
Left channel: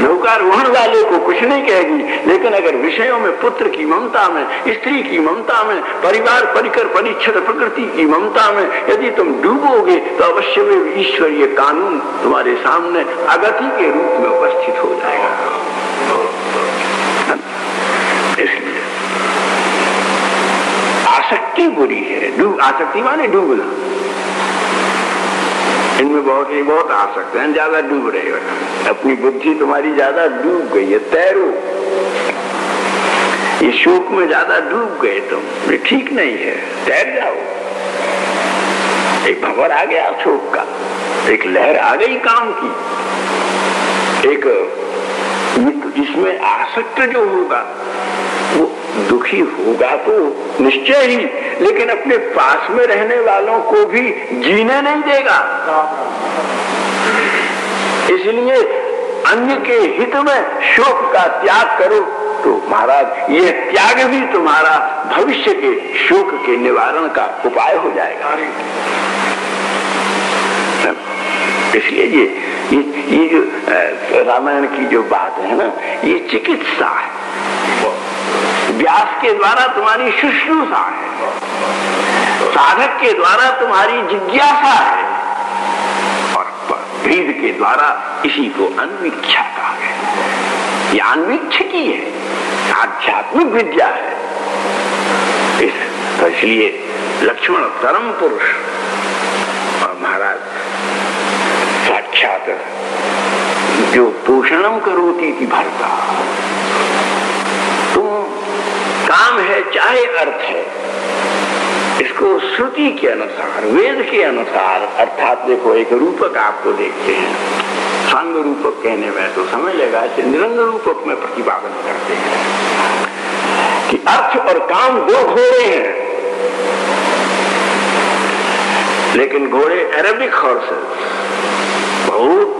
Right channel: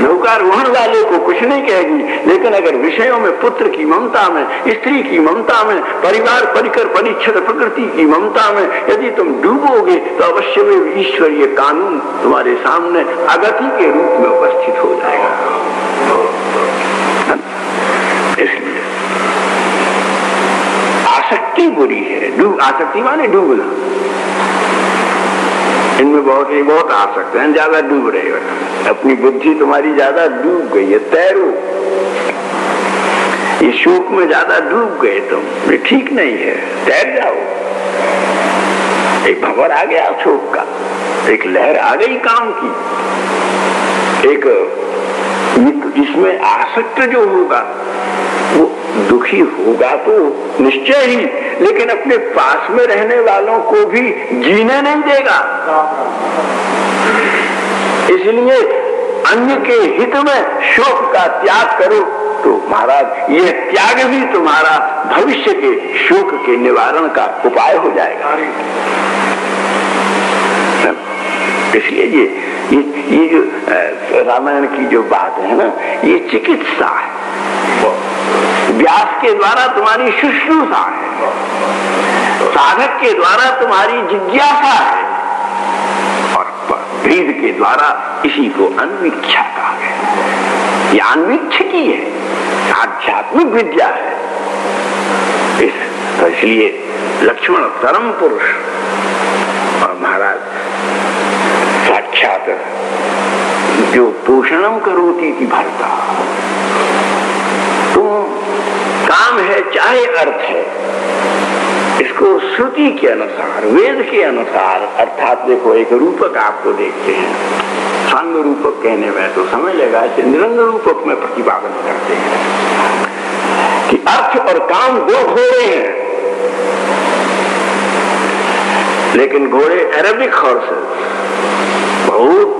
नौकारोहण वाले को कुछ नहीं कहेगी, लेकिन अगर विषयों में पुत्र की ममता में, स्त्री की ममता में, परिवार परिकर परिच्छद प्रकृति की ममता में यदि तुम डूबोगे तो अवश्य में ईश्वरीय कानून तुम्हारे सामने अगति के रूप में उपस्थित हो जाएगा। इसलिए आसक्ति बुरी है। आसक्ति माने डूबना। इनमें बहुत आसक्त हैं, ज्यादा डूब रहे हो, अपनी बुद्धि तुम्हारी ज्यादा डूब गई है। तैरो, ये शोक में ज्यादा डूब गए तुम, ये ठीक नहीं है, तैर जाओ। एक भंवर आ गया शोक का, एक लहर आ गई काम की, एक इसमें आसक्त जो होगा वो दुखी होगा तो निश्चय ही, लेकिन अपने पास में रहने वालों को भी जीने नहीं देगा। इसलिए अन्य के हित में शोक का त्याग करो तो महाराज ये त्याग भी तुम्हारा भविष्य के शोक के निवारण का उपाय हो जाएगा। इसलिए ये जो रामायण की जो बात है ना, ये चिकित्सा है, व्यास के द्वारा तुम्हारी शुश्रूषा है, साधक के द्वारा तुम्हारी जिज्ञासा है, और वेद के द्वारा इसी को अन्वीक्षा कहा है। ये अन्वीक्षकी है, आध्यात्मिक विद्या है। तो इसलिए लक्ष्मण परम पुरुष और महाराज साक्षात जो पोषणम करोति थी भरता, तुम काम है चाहे अर्थ है, इसको श्रुति के अनुसार, वेद के अनुसार, अर्थात देखो एक रूपक आपको देखते हैं, संग रूपक कहने में तो समय लगा, निरंग रूपक में प्रतिपादन करते हैं कि अर्थ और काम दो घोड़े हैं, लेकिन घोड़े अरेबिक हॉर्सेस, बहुत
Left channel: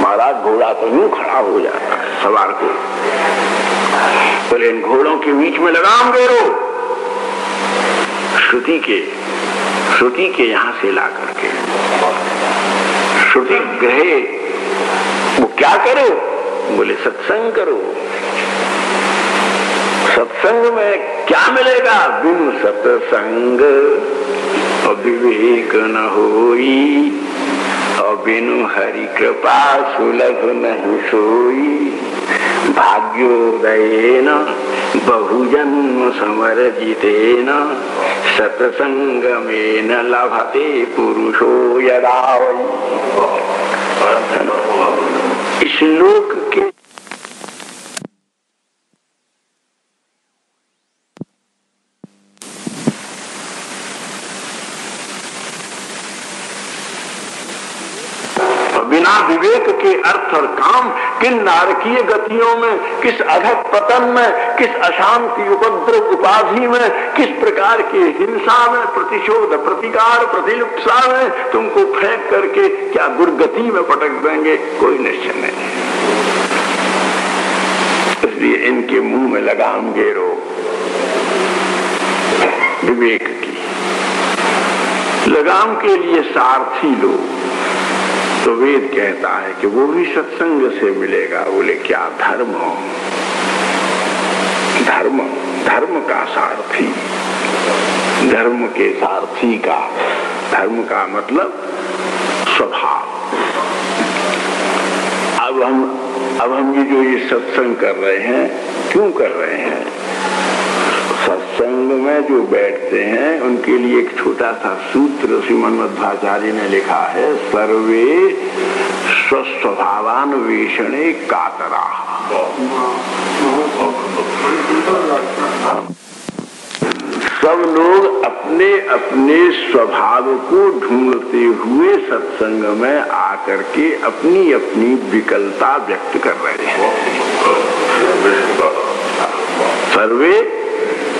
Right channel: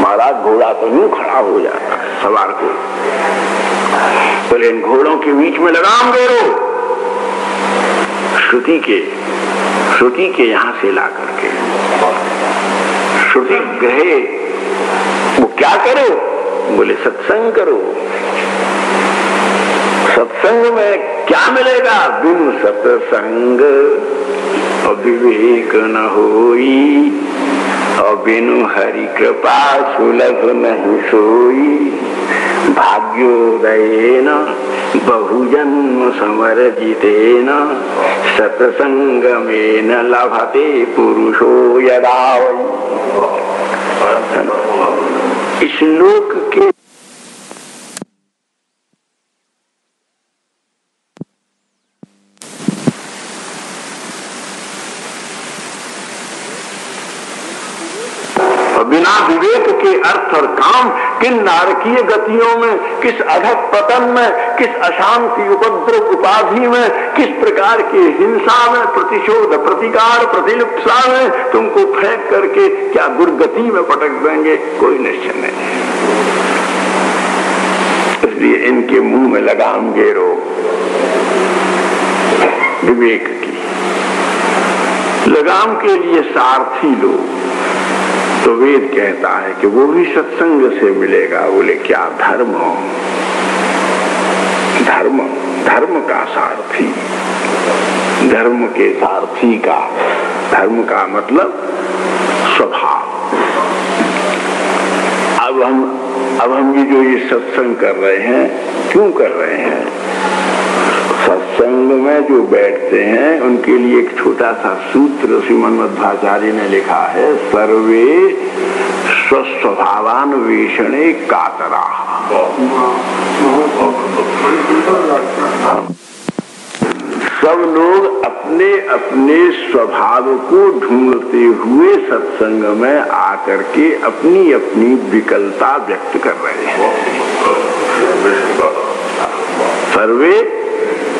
महाराज घोड़ा तो यूं खड़ा हो जाता है सवार को, तो इन घोड़ों के बीच में लगाम घेरो, श्रुति के यहां से ला करके श्रुति कहे वो क्या करो, बोले सत्संग करो। सत्संग में क्या मिलेगा, बिनु सत्संग और विवेक न होई, और बिनु हरि कृपा सुलभ नहीं सोई, भाग्योदयेन बहुजन्म समर्जितेन सत्संगमेन लभते पुरुषो यदा। इस लोक के बिना विवेक के अर्थ और काम किन नारकीय गतियों में, किस अधक पतन में, किस अशांति उपद्रव उपाधि में, किस प्रकार की हिंसा में, प्रतिशोध प्रतिकार प्रतिलिप्सा में तुमको फेंक करके क्या दुर्गति में पटक देंगे, कोई निश्चय नहीं। इसलिए इनके मुंह में लगाम घेरो विवेक की, लगाम के लिए सारथी लो। तो वेद कहता है कि वो भी सत्संग से मिलेगा। बोले क्या धर्म, धर्म धर्म का सारथी, धर्म के सारथी का, धर्म का मतलब स्वभाव। अब हम ये सत्संग कर रहे हैं, क्यों कर रहे हैं? सत्संग में जो बैठते हैं उनके लिए एक छोटा सा सूत्र श्रीमद् मध्वाचार्य ने लिखा है, सर्वे स्वस्वभावान्वेषणे कातरा। सब लोग अपने अपने स्वभाव को ढूंढते हुए सत्संग में आकर के अपनी अपनी विकलता व्यक्त कर रहे हैं। सर्वे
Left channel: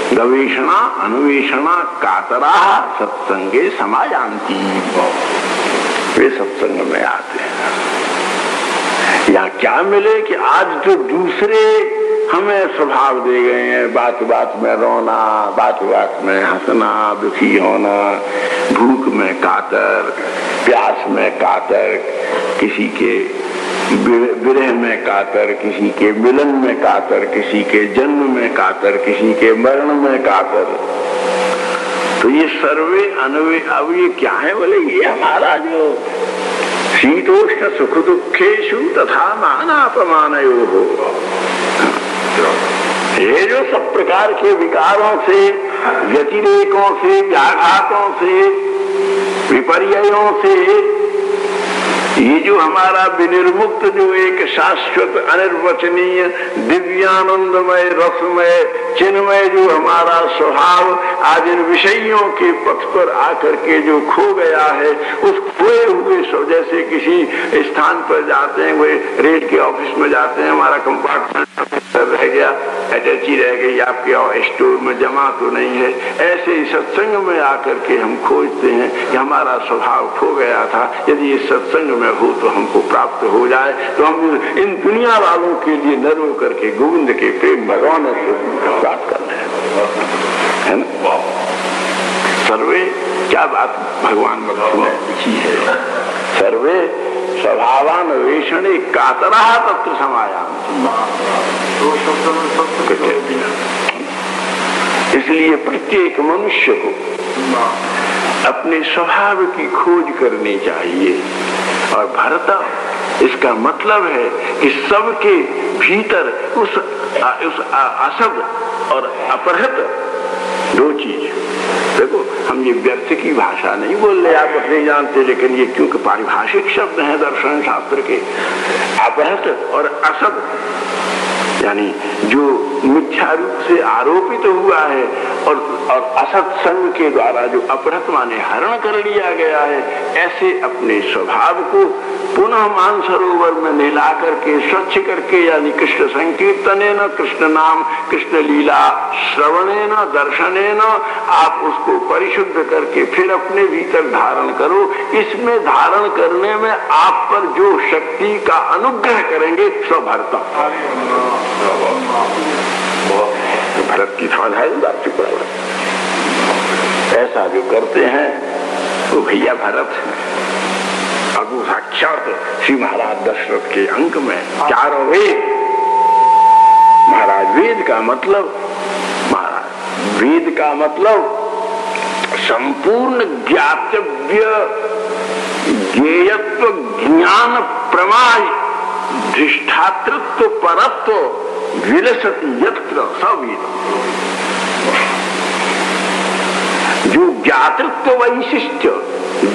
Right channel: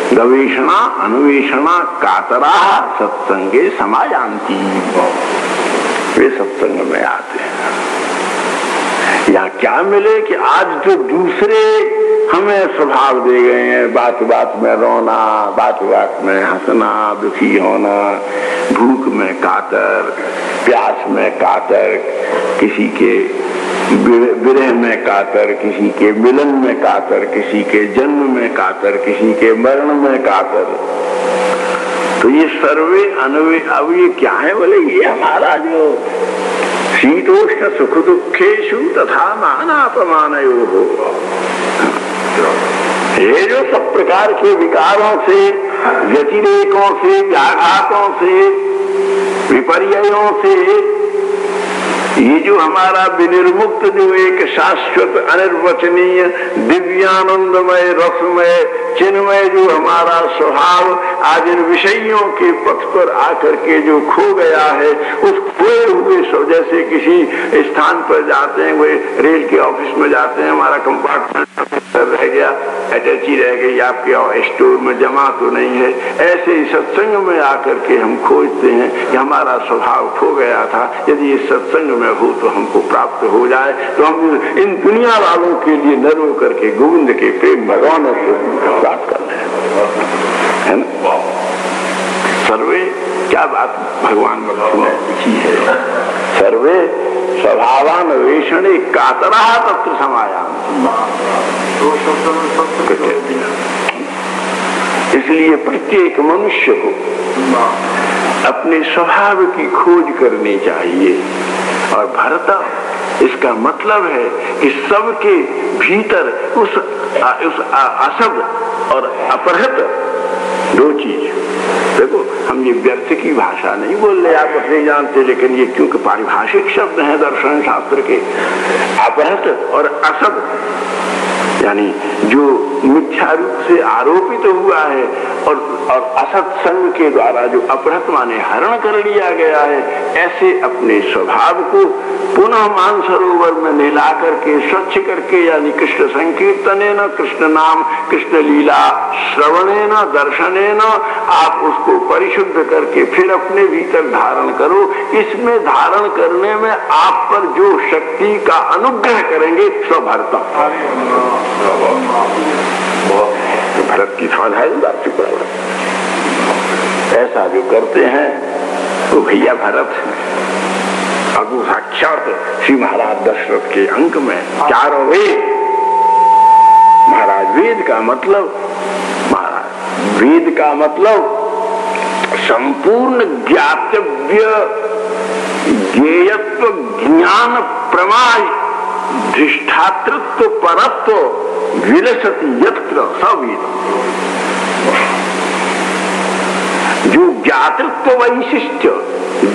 गवेषणा अन्वेषणा कातरा सत्संगे समायांति। वे सत्संग में आते हैं। यहाँ क्या मिले कि आज जो दूसरे हमें स्वभाव दे गए हैं, बात बात में रोना, बात बात में हंसना, दुखी होना, भूख में कातर, प्यास में कातर, किसी के विरह में कातर, किसी के मिलन में कातर, किसी के जन्म में कातर, किसी के मरण में कातर। तो ये सर्वे अनवे, अब ये क्या है? बोले ये हमारा जो शीतोष्ण सुख दुखेशु तथा मानापमानयो हो, ये जो सब प्रकार के विकारों से, व्यतिरेकों से, व्याघातों से, विपर्ययों से, ये जो हमारा विनिर्मुक्त जो एक शाश्वत अनिर्वचनीय दिव्यानंदमय रसमय चिन्मय जो हमारा स्वभाव आज इन विषयों के पथ पर आकर के जो खो गया है, उस खोए हुए सो जैसे किसी स्थान पर जाते हैं, वो रेल के ऑफिस में जाते हैं, हमारा कंपार्टमेंट रह गया, अटैची रह गई, आपके स्टोर में जमा तो नहीं है। ऐसे ही सत्संग में आकर के हम खोजते हैं कि हमारा स्वभाव खो गया था, यदि इस सत्संग में हो तो हमको प्राप्त हो जाए, तो हम इन दुनिया वालों के लिए न रो करके गोविंद के प्रेम भगवान को प्राप्त करते हैं ना। सर्वे क्या बात भगवान में है, सर्वे स्वभावान वेषणे कातरा तत्र समाया। इसलिए प्रत्येक मनुष्य को अपने स्वभाव की खोज करनी चाहिए। और भरता इसका मतलब है कि सबके भीतर उस असद और अपहृत दो चीज। देखो, हम ये व्यर्थ की भाषा नहीं बोल रहे, आप नहीं जानते, लेकिन ये क्योंकि पारिभाषिक शब्द है दर्शन शास्त्र के। अपहृत और असद यानी जो मिथ्या रूप से आरोपित हुआ है, और असत्संग के द्वारा जो अपहृत माने हरण कर लिया गया है, ऐसे अपने स्वभाव को पुनः मानसरोवर में मिला करके स्वच्छ करके, यानी कृष्ण संकीर्तनेन, कृष्ण नाम, कृष्ण लीला श्रवणेन, दर्शनेन, आप उसको परिशुद्ध करके फिर अपने भीतर धारण करो। इसमें धारण करने में आप पर जो शक्ति का अनुग्रह करेंगे सो भरता। भरत की साधारण बात चुप रहा, ऐसा जो करते हैं तो भैया भरत है। अगु साक्षात श्री महाराज दशरथ के अंक में चारों वेद, महाराज वेद का मतलब संपूर्ण ज्ञातव्य ज्ञेयत्व ज्ञान प्रमाण दृष्टातृत्व परत्व विलसति यत्र सवेद। जो ज्ञातृत्व वैशिष्ट्य,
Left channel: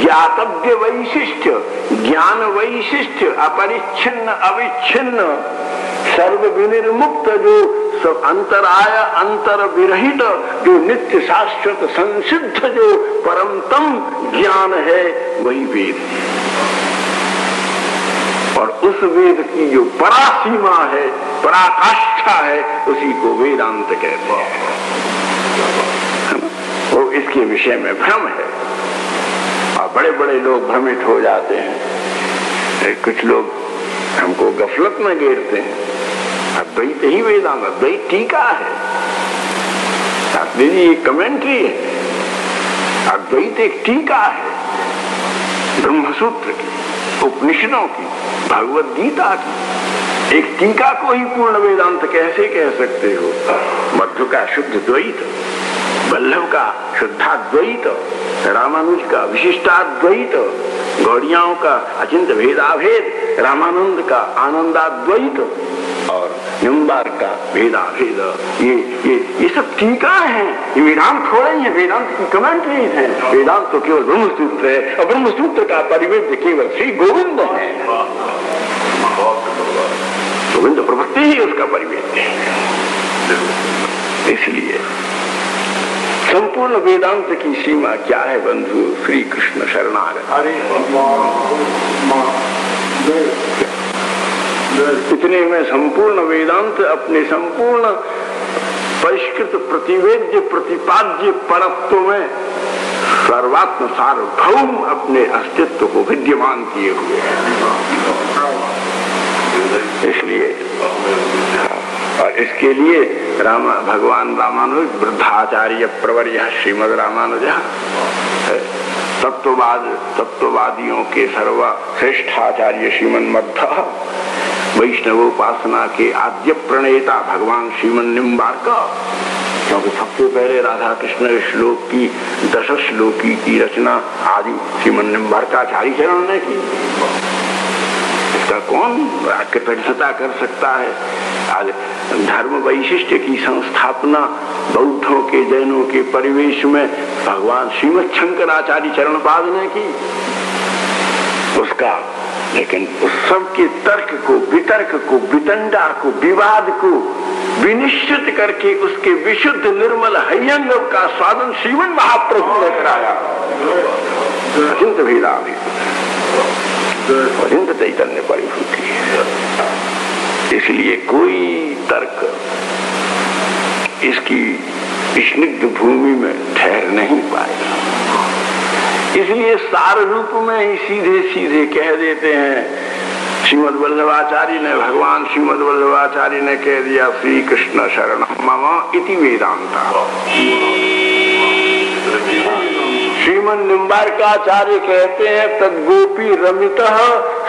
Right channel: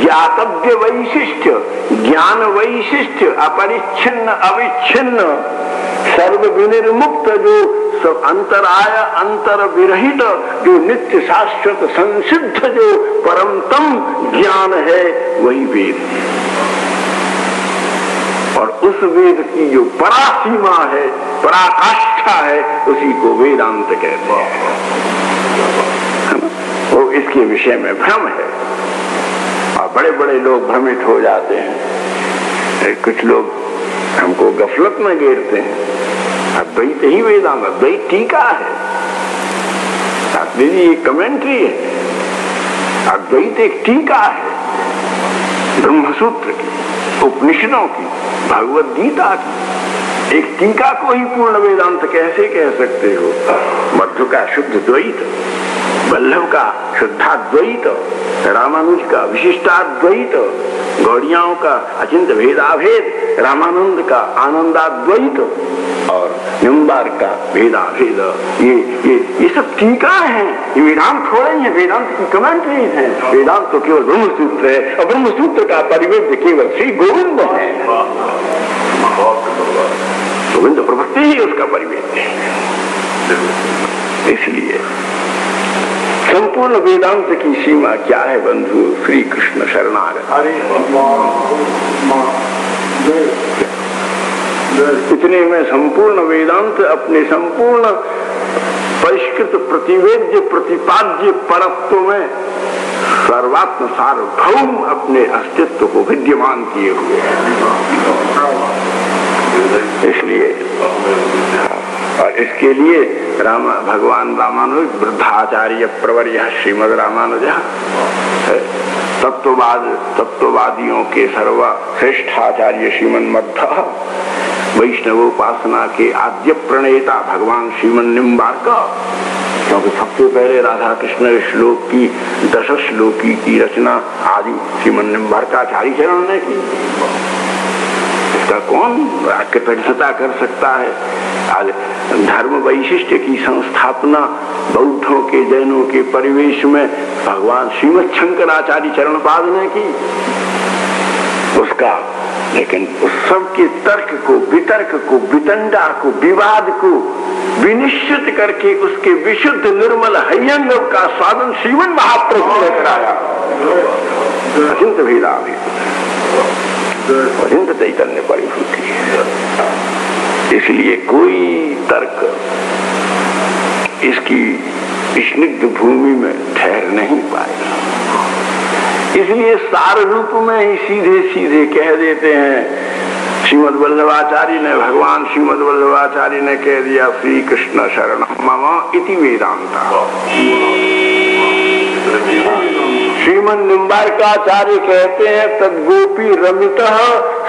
ज्ञातव्य वैशिष्ट्य, ज्ञान वैशिष्ट्य, अपरिच्छिन्न अविच्छिन्न सर्व विनिर्मुक्त, जो सब अंतराय अंतर विरहित, जो नित्य शाश्वत संसिद्ध जो परमतम ज्ञान है, वही वेद। और उस वेद की जो परासीमा है, पराकाष्ठा है, उसी को वेदांत कहते हैं। वो इसके विषय में भ्रम है और बड़े बड़े लोग भ्रमित हो जाते हैं। कुछ लोग हमको गफलत में घेरते हैं, अद्वैत ही वेदांत, अद्वैत टीका है, शास्त्री एक कमेंट्री है, अद्वैत एक टीका है ब्रह्मसूत्र की, उपनिषदों की, भगवद गीता की। एक टीका को ही पूर्ण वेदांत कैसे कह सकते हो? मध्व का शुद्ध द्वैत, वल्लभ का शुद्धाद्वैत, रामानुज का विशिष्टाद्वैत, गौड़ियाओं का अचिंत भेदाभेद, रामानंद का आनंदाद्वैत और निम्बार्क का भेदाभेद, ये सब टीका है। ये वेदांत थोड़े ही है, वेदांत की कमेंट्रीज है। वेदांत तो केवल ब्रह्मसूत्र है और ब्रह्मसूत्र का परिवेद केवल श्री गोविंद है। गोविंद प्रवृत्ति ही उसका परिवेद है। इसलिए संपूर्ण वेदांत की सीमा क्या है बंधु? श्री कृष्ण शरणागत। इतने में संपूर्ण वेदांत अपने संपूर्ण परिष्कृत प्रतिवेद्य प्रतिपाद्य परत्व में सर्वात्म सार्वभौम अपने अस्तित्व को विद्यमान किए हुए हैं। इसलिए और इसके लिए भगवान रामानुज वृद्धाचार्य प्रवर्य श्रीमद रामानुज तत्ववादियों के सर्वश्रेष्ठाचार्य श्रीमन मध्व, वैष्णवोपासना के आद्य प्रणेता भगवान श्रीमन निम्बार्क, क्योंकि सबसे पहले राधा कृष्ण श्लोक की 10 श्लोकी की रचना आदि श्रीमन निम्बार्काचार्य चरण ने की। इसका कौन कृतज्ञता कर सकता है? आज धर्म वैशिष्ट की संस्थापना बौद्धों के, जैनों के परिवेश में भगवान श्रीमद शंकराचार्य चरणपाद ने की। उसका लेकिन उस सब के तर्क को, वितर्क को, वितंडा को, विवाद को विनिश्चित करके उसके विशुद्ध निर्मल हयंग का स्वादन श्रीमन महाप्रभु ने कराया। अचिंत भेदाभेद, अचिंत चैतन्य परिभूति है। इसलिए कोई तर्क इसकी स्निग्ध भूमि में ठहर नहीं पाएगा। इसलिए सार रूप में ही सीधे सीधे कह देते हैं। श्रीमद् वल्लभाचार्य ने, भगवान श्रीमद् वल्लभाचार्य ने कह दिया, श्री कृष्ण शरण मम इति वेदांता। श्रीमन निम्बार्काचार्य कहते हैं, तद गोपी रमितः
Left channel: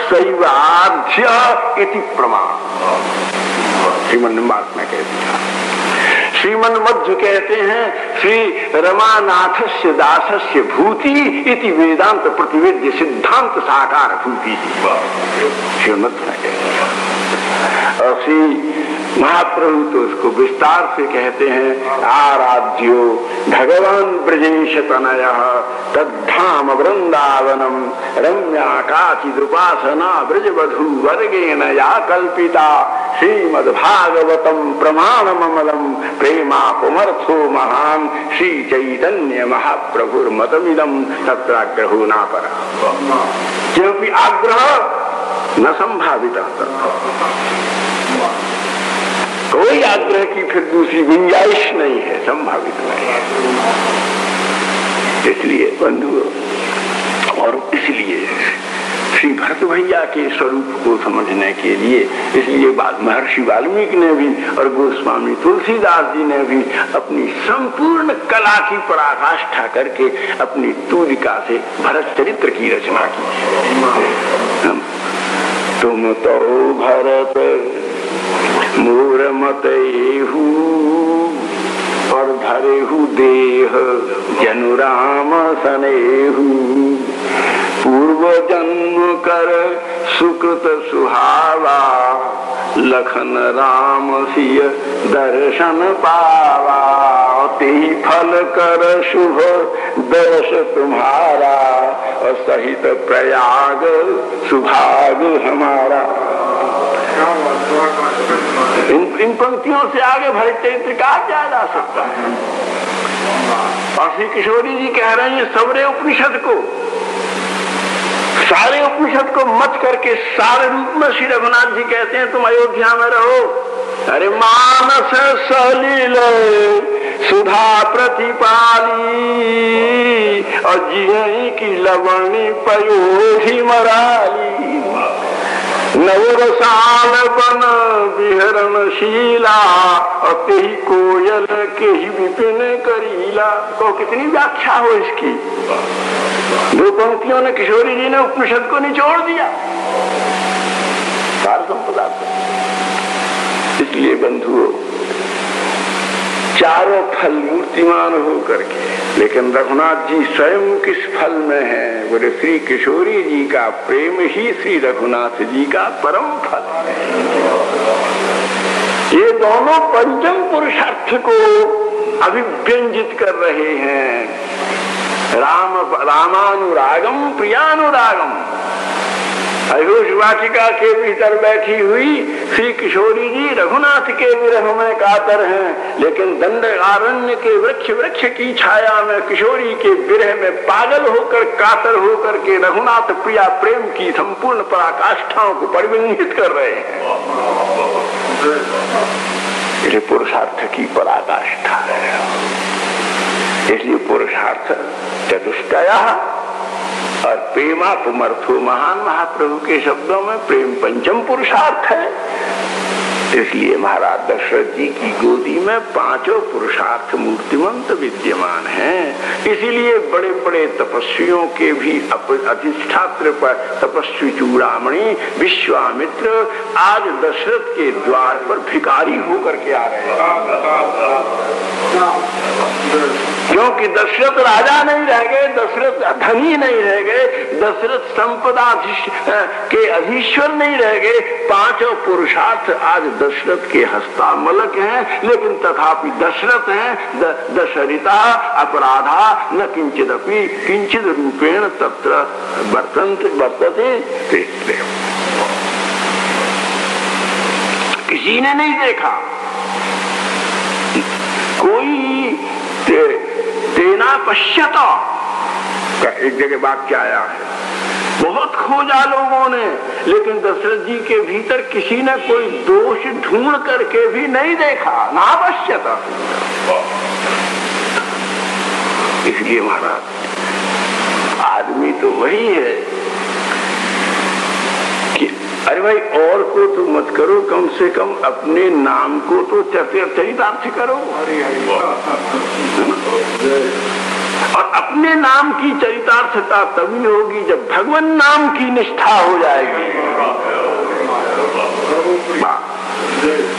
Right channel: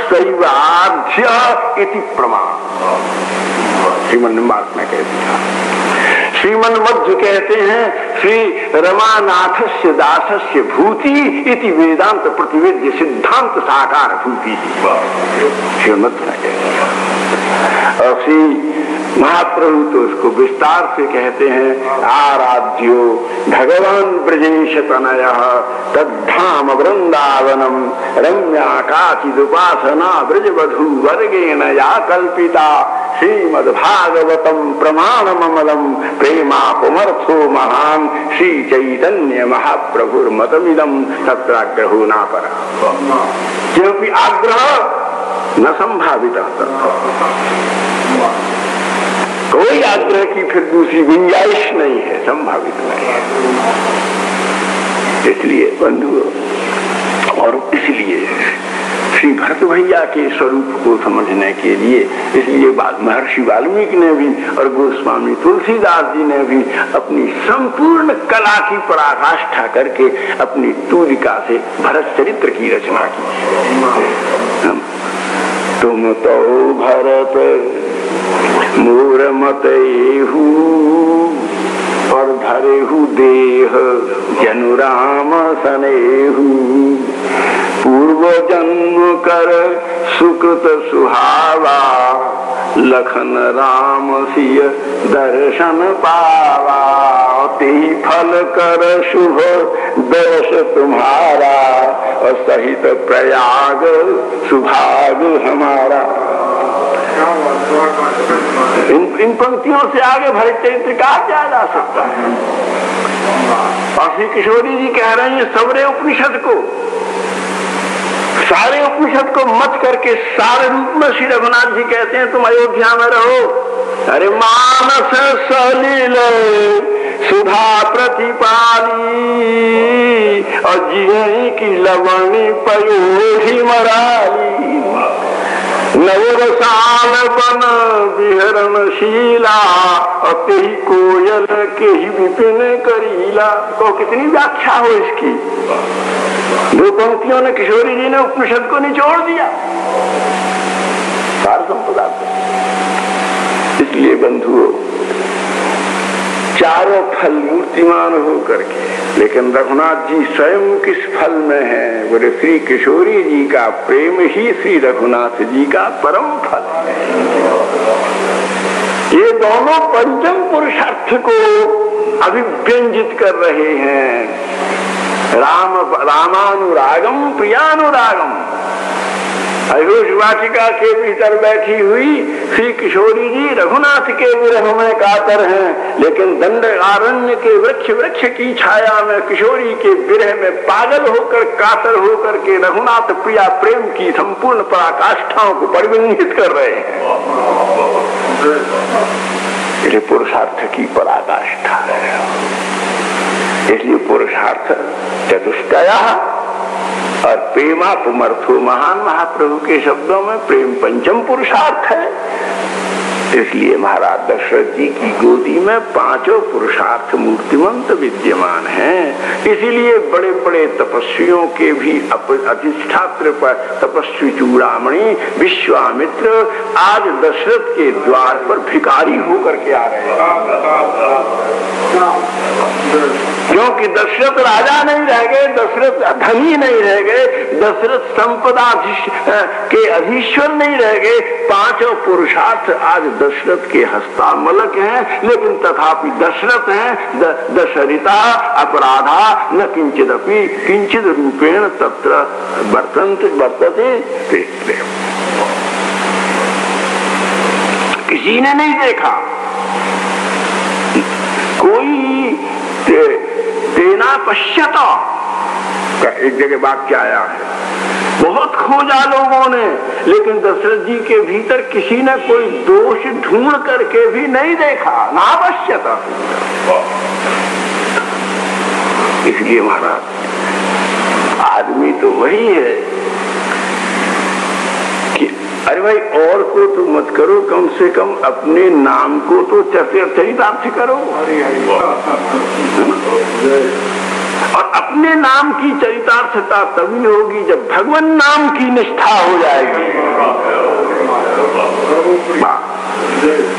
शैवाध्य इति प्रमाण। श्रीमन निम्बार्क ने कह दिया। श्रीमन मध्य कहते हैं, श्री रमानाथस्य दासस्य भूति इति वेदांत प्रतिवेद्य सिद्धांत साकार भूति। श्रीमद ने कह दिया। और श्री महाप्रभु तो उसको विस्तार से कहते हैं, आराध्यो भगवान ब्रजेश तनयः तद्धाम वृंदावनम रम्या काचिदुपासना ब्रजवधू वर्गेण या कल्पिता श्रीमद्भागवतम प्रमाणममलम प्रेमा पुमर्थो महान श्री चैतन्य महाप्रभुर्मतमिदम तत्राग्रहो न परा। क्योंकि आग्रह न संभावित, कोई आग्रह की फिर दूसरी गुंजाइश नहीं है, संभावित नहीं है। इसलिए बंधु, और इसलिए श्री भरत भैया के स्वरूप को समझने के लिए, इसलिए महर्षि वाल्मीकि ने भी और गोस्वामी तुलसीदास जी ने भी अपनी संपूर्ण कला की पराकाष्ठा करके अपनी तूलिका से भरत चरित्र की रचना की। तुम तो भरत मूर मतहु और धरेहु देह जनु राम सनेहु पूर्व जन्म कर सुकृत सुहावा लखन राम सिय दर्शन पावा ते फल कर शुभ दर्श तुम्हारा और सहित प्रयाग सुभाग हमारा। इन पंक्तियों से आगे भरत चरित्र कहा क्या जा सकता है। और श्री किशोरी जी कह रहे हैं, सबरे उपनिषद को, सारे उपनिषद को मत करके सारे रूप में श्री रघुनाथ जी कहते हैं, तुम अयोध्या में रहो। अरे मानस सलील सुधा प्रतिपाली और जियही की लवणी पयोही मराली नवरसाल बन विहरणशीला और कही कोयल कही विपिन करीला। तो कितनी व्याख्या हो इसकी। दो पंक्तियों ने किशोरी जी ने उपनिषद को निचोड़ दिया सार संपदा को। इसलिए बंधुओं, चारों फल मूर्तिमान हो करके, लेकिन रघुनाथ जी स्वयं किस फल में है? बोले श्री किशोरी जी का प्रेम ही श्री रघुनाथ जी का परम फल है। ये दोनों पंचम पुरुषार्थ को अभिव्यंजित कर रहे हैं। रामानुरागम प्रियानुरागम। अयोध्या वाटिका के भीतर बैठी हुई श्री किशोरी जी रघुनाथ के विरह में कातर हैं, लेकिन दंडकारण्य के वृक्ष की छाया में किशोरी के विरह में पागल होकर कातर होकर के रघुनाथ प्रिया प्रेम की संपूर्ण पराकाष्ठाओं को परिवर्तित कर रहे हैं। ये पुरुषार्थ की पराकाष्ठा है। इसलिए पुरुषार्थ चतुष्टया और प्रेमा पुमर्थो महान। महाप्रभु के शब्दों में प्रेम पंचम पुरुषार्थ है। इसलिए महाराज दशरथ जी की गोदी में पांचों पुरुषार्थ मूर्तिमंत विद्यमान हैं। इसीलिए बड़े बड़े तपस्वियों के भी अधिष्ठात्र पर तपस्वी चूड़ामणि विश्वामित्र आज दशरथ के द्वार पर भिखारी होकर के आ रहे हैं। क्योंकि दशरथ राजा नहीं रह गए, दशरथ धनी नहीं रह गए, दशरथ संपदा के अधीश्वर नहीं रह गए। पांचों पुरुषार्थ आज दशरथ के हस्तामलक हैं, लेकिन तथापि दशरथ हैं दशरिता अपराधा न किंचिदपि किंचिद रूपेण तत्र वर्तते। किसी ने नहीं देखा कोई तेना पश्यत का एक जगह वाक्य आया है, बहुत खोजा लोगों ने, लेकिन दशरथ जी के भीतर किसी ने कोई दोष ढूंढ करके भी नहीं देखा, ना पश्यत। इसलिए महाराज आदमी तो वही है कि अरे भाई और को तो मत करो, कम से कम अपने नाम को तो चरितार्थ करो। और अपने नाम की चरितार्थता तभी होगी जब भगवान नाम की निष्ठा हो जाएगी।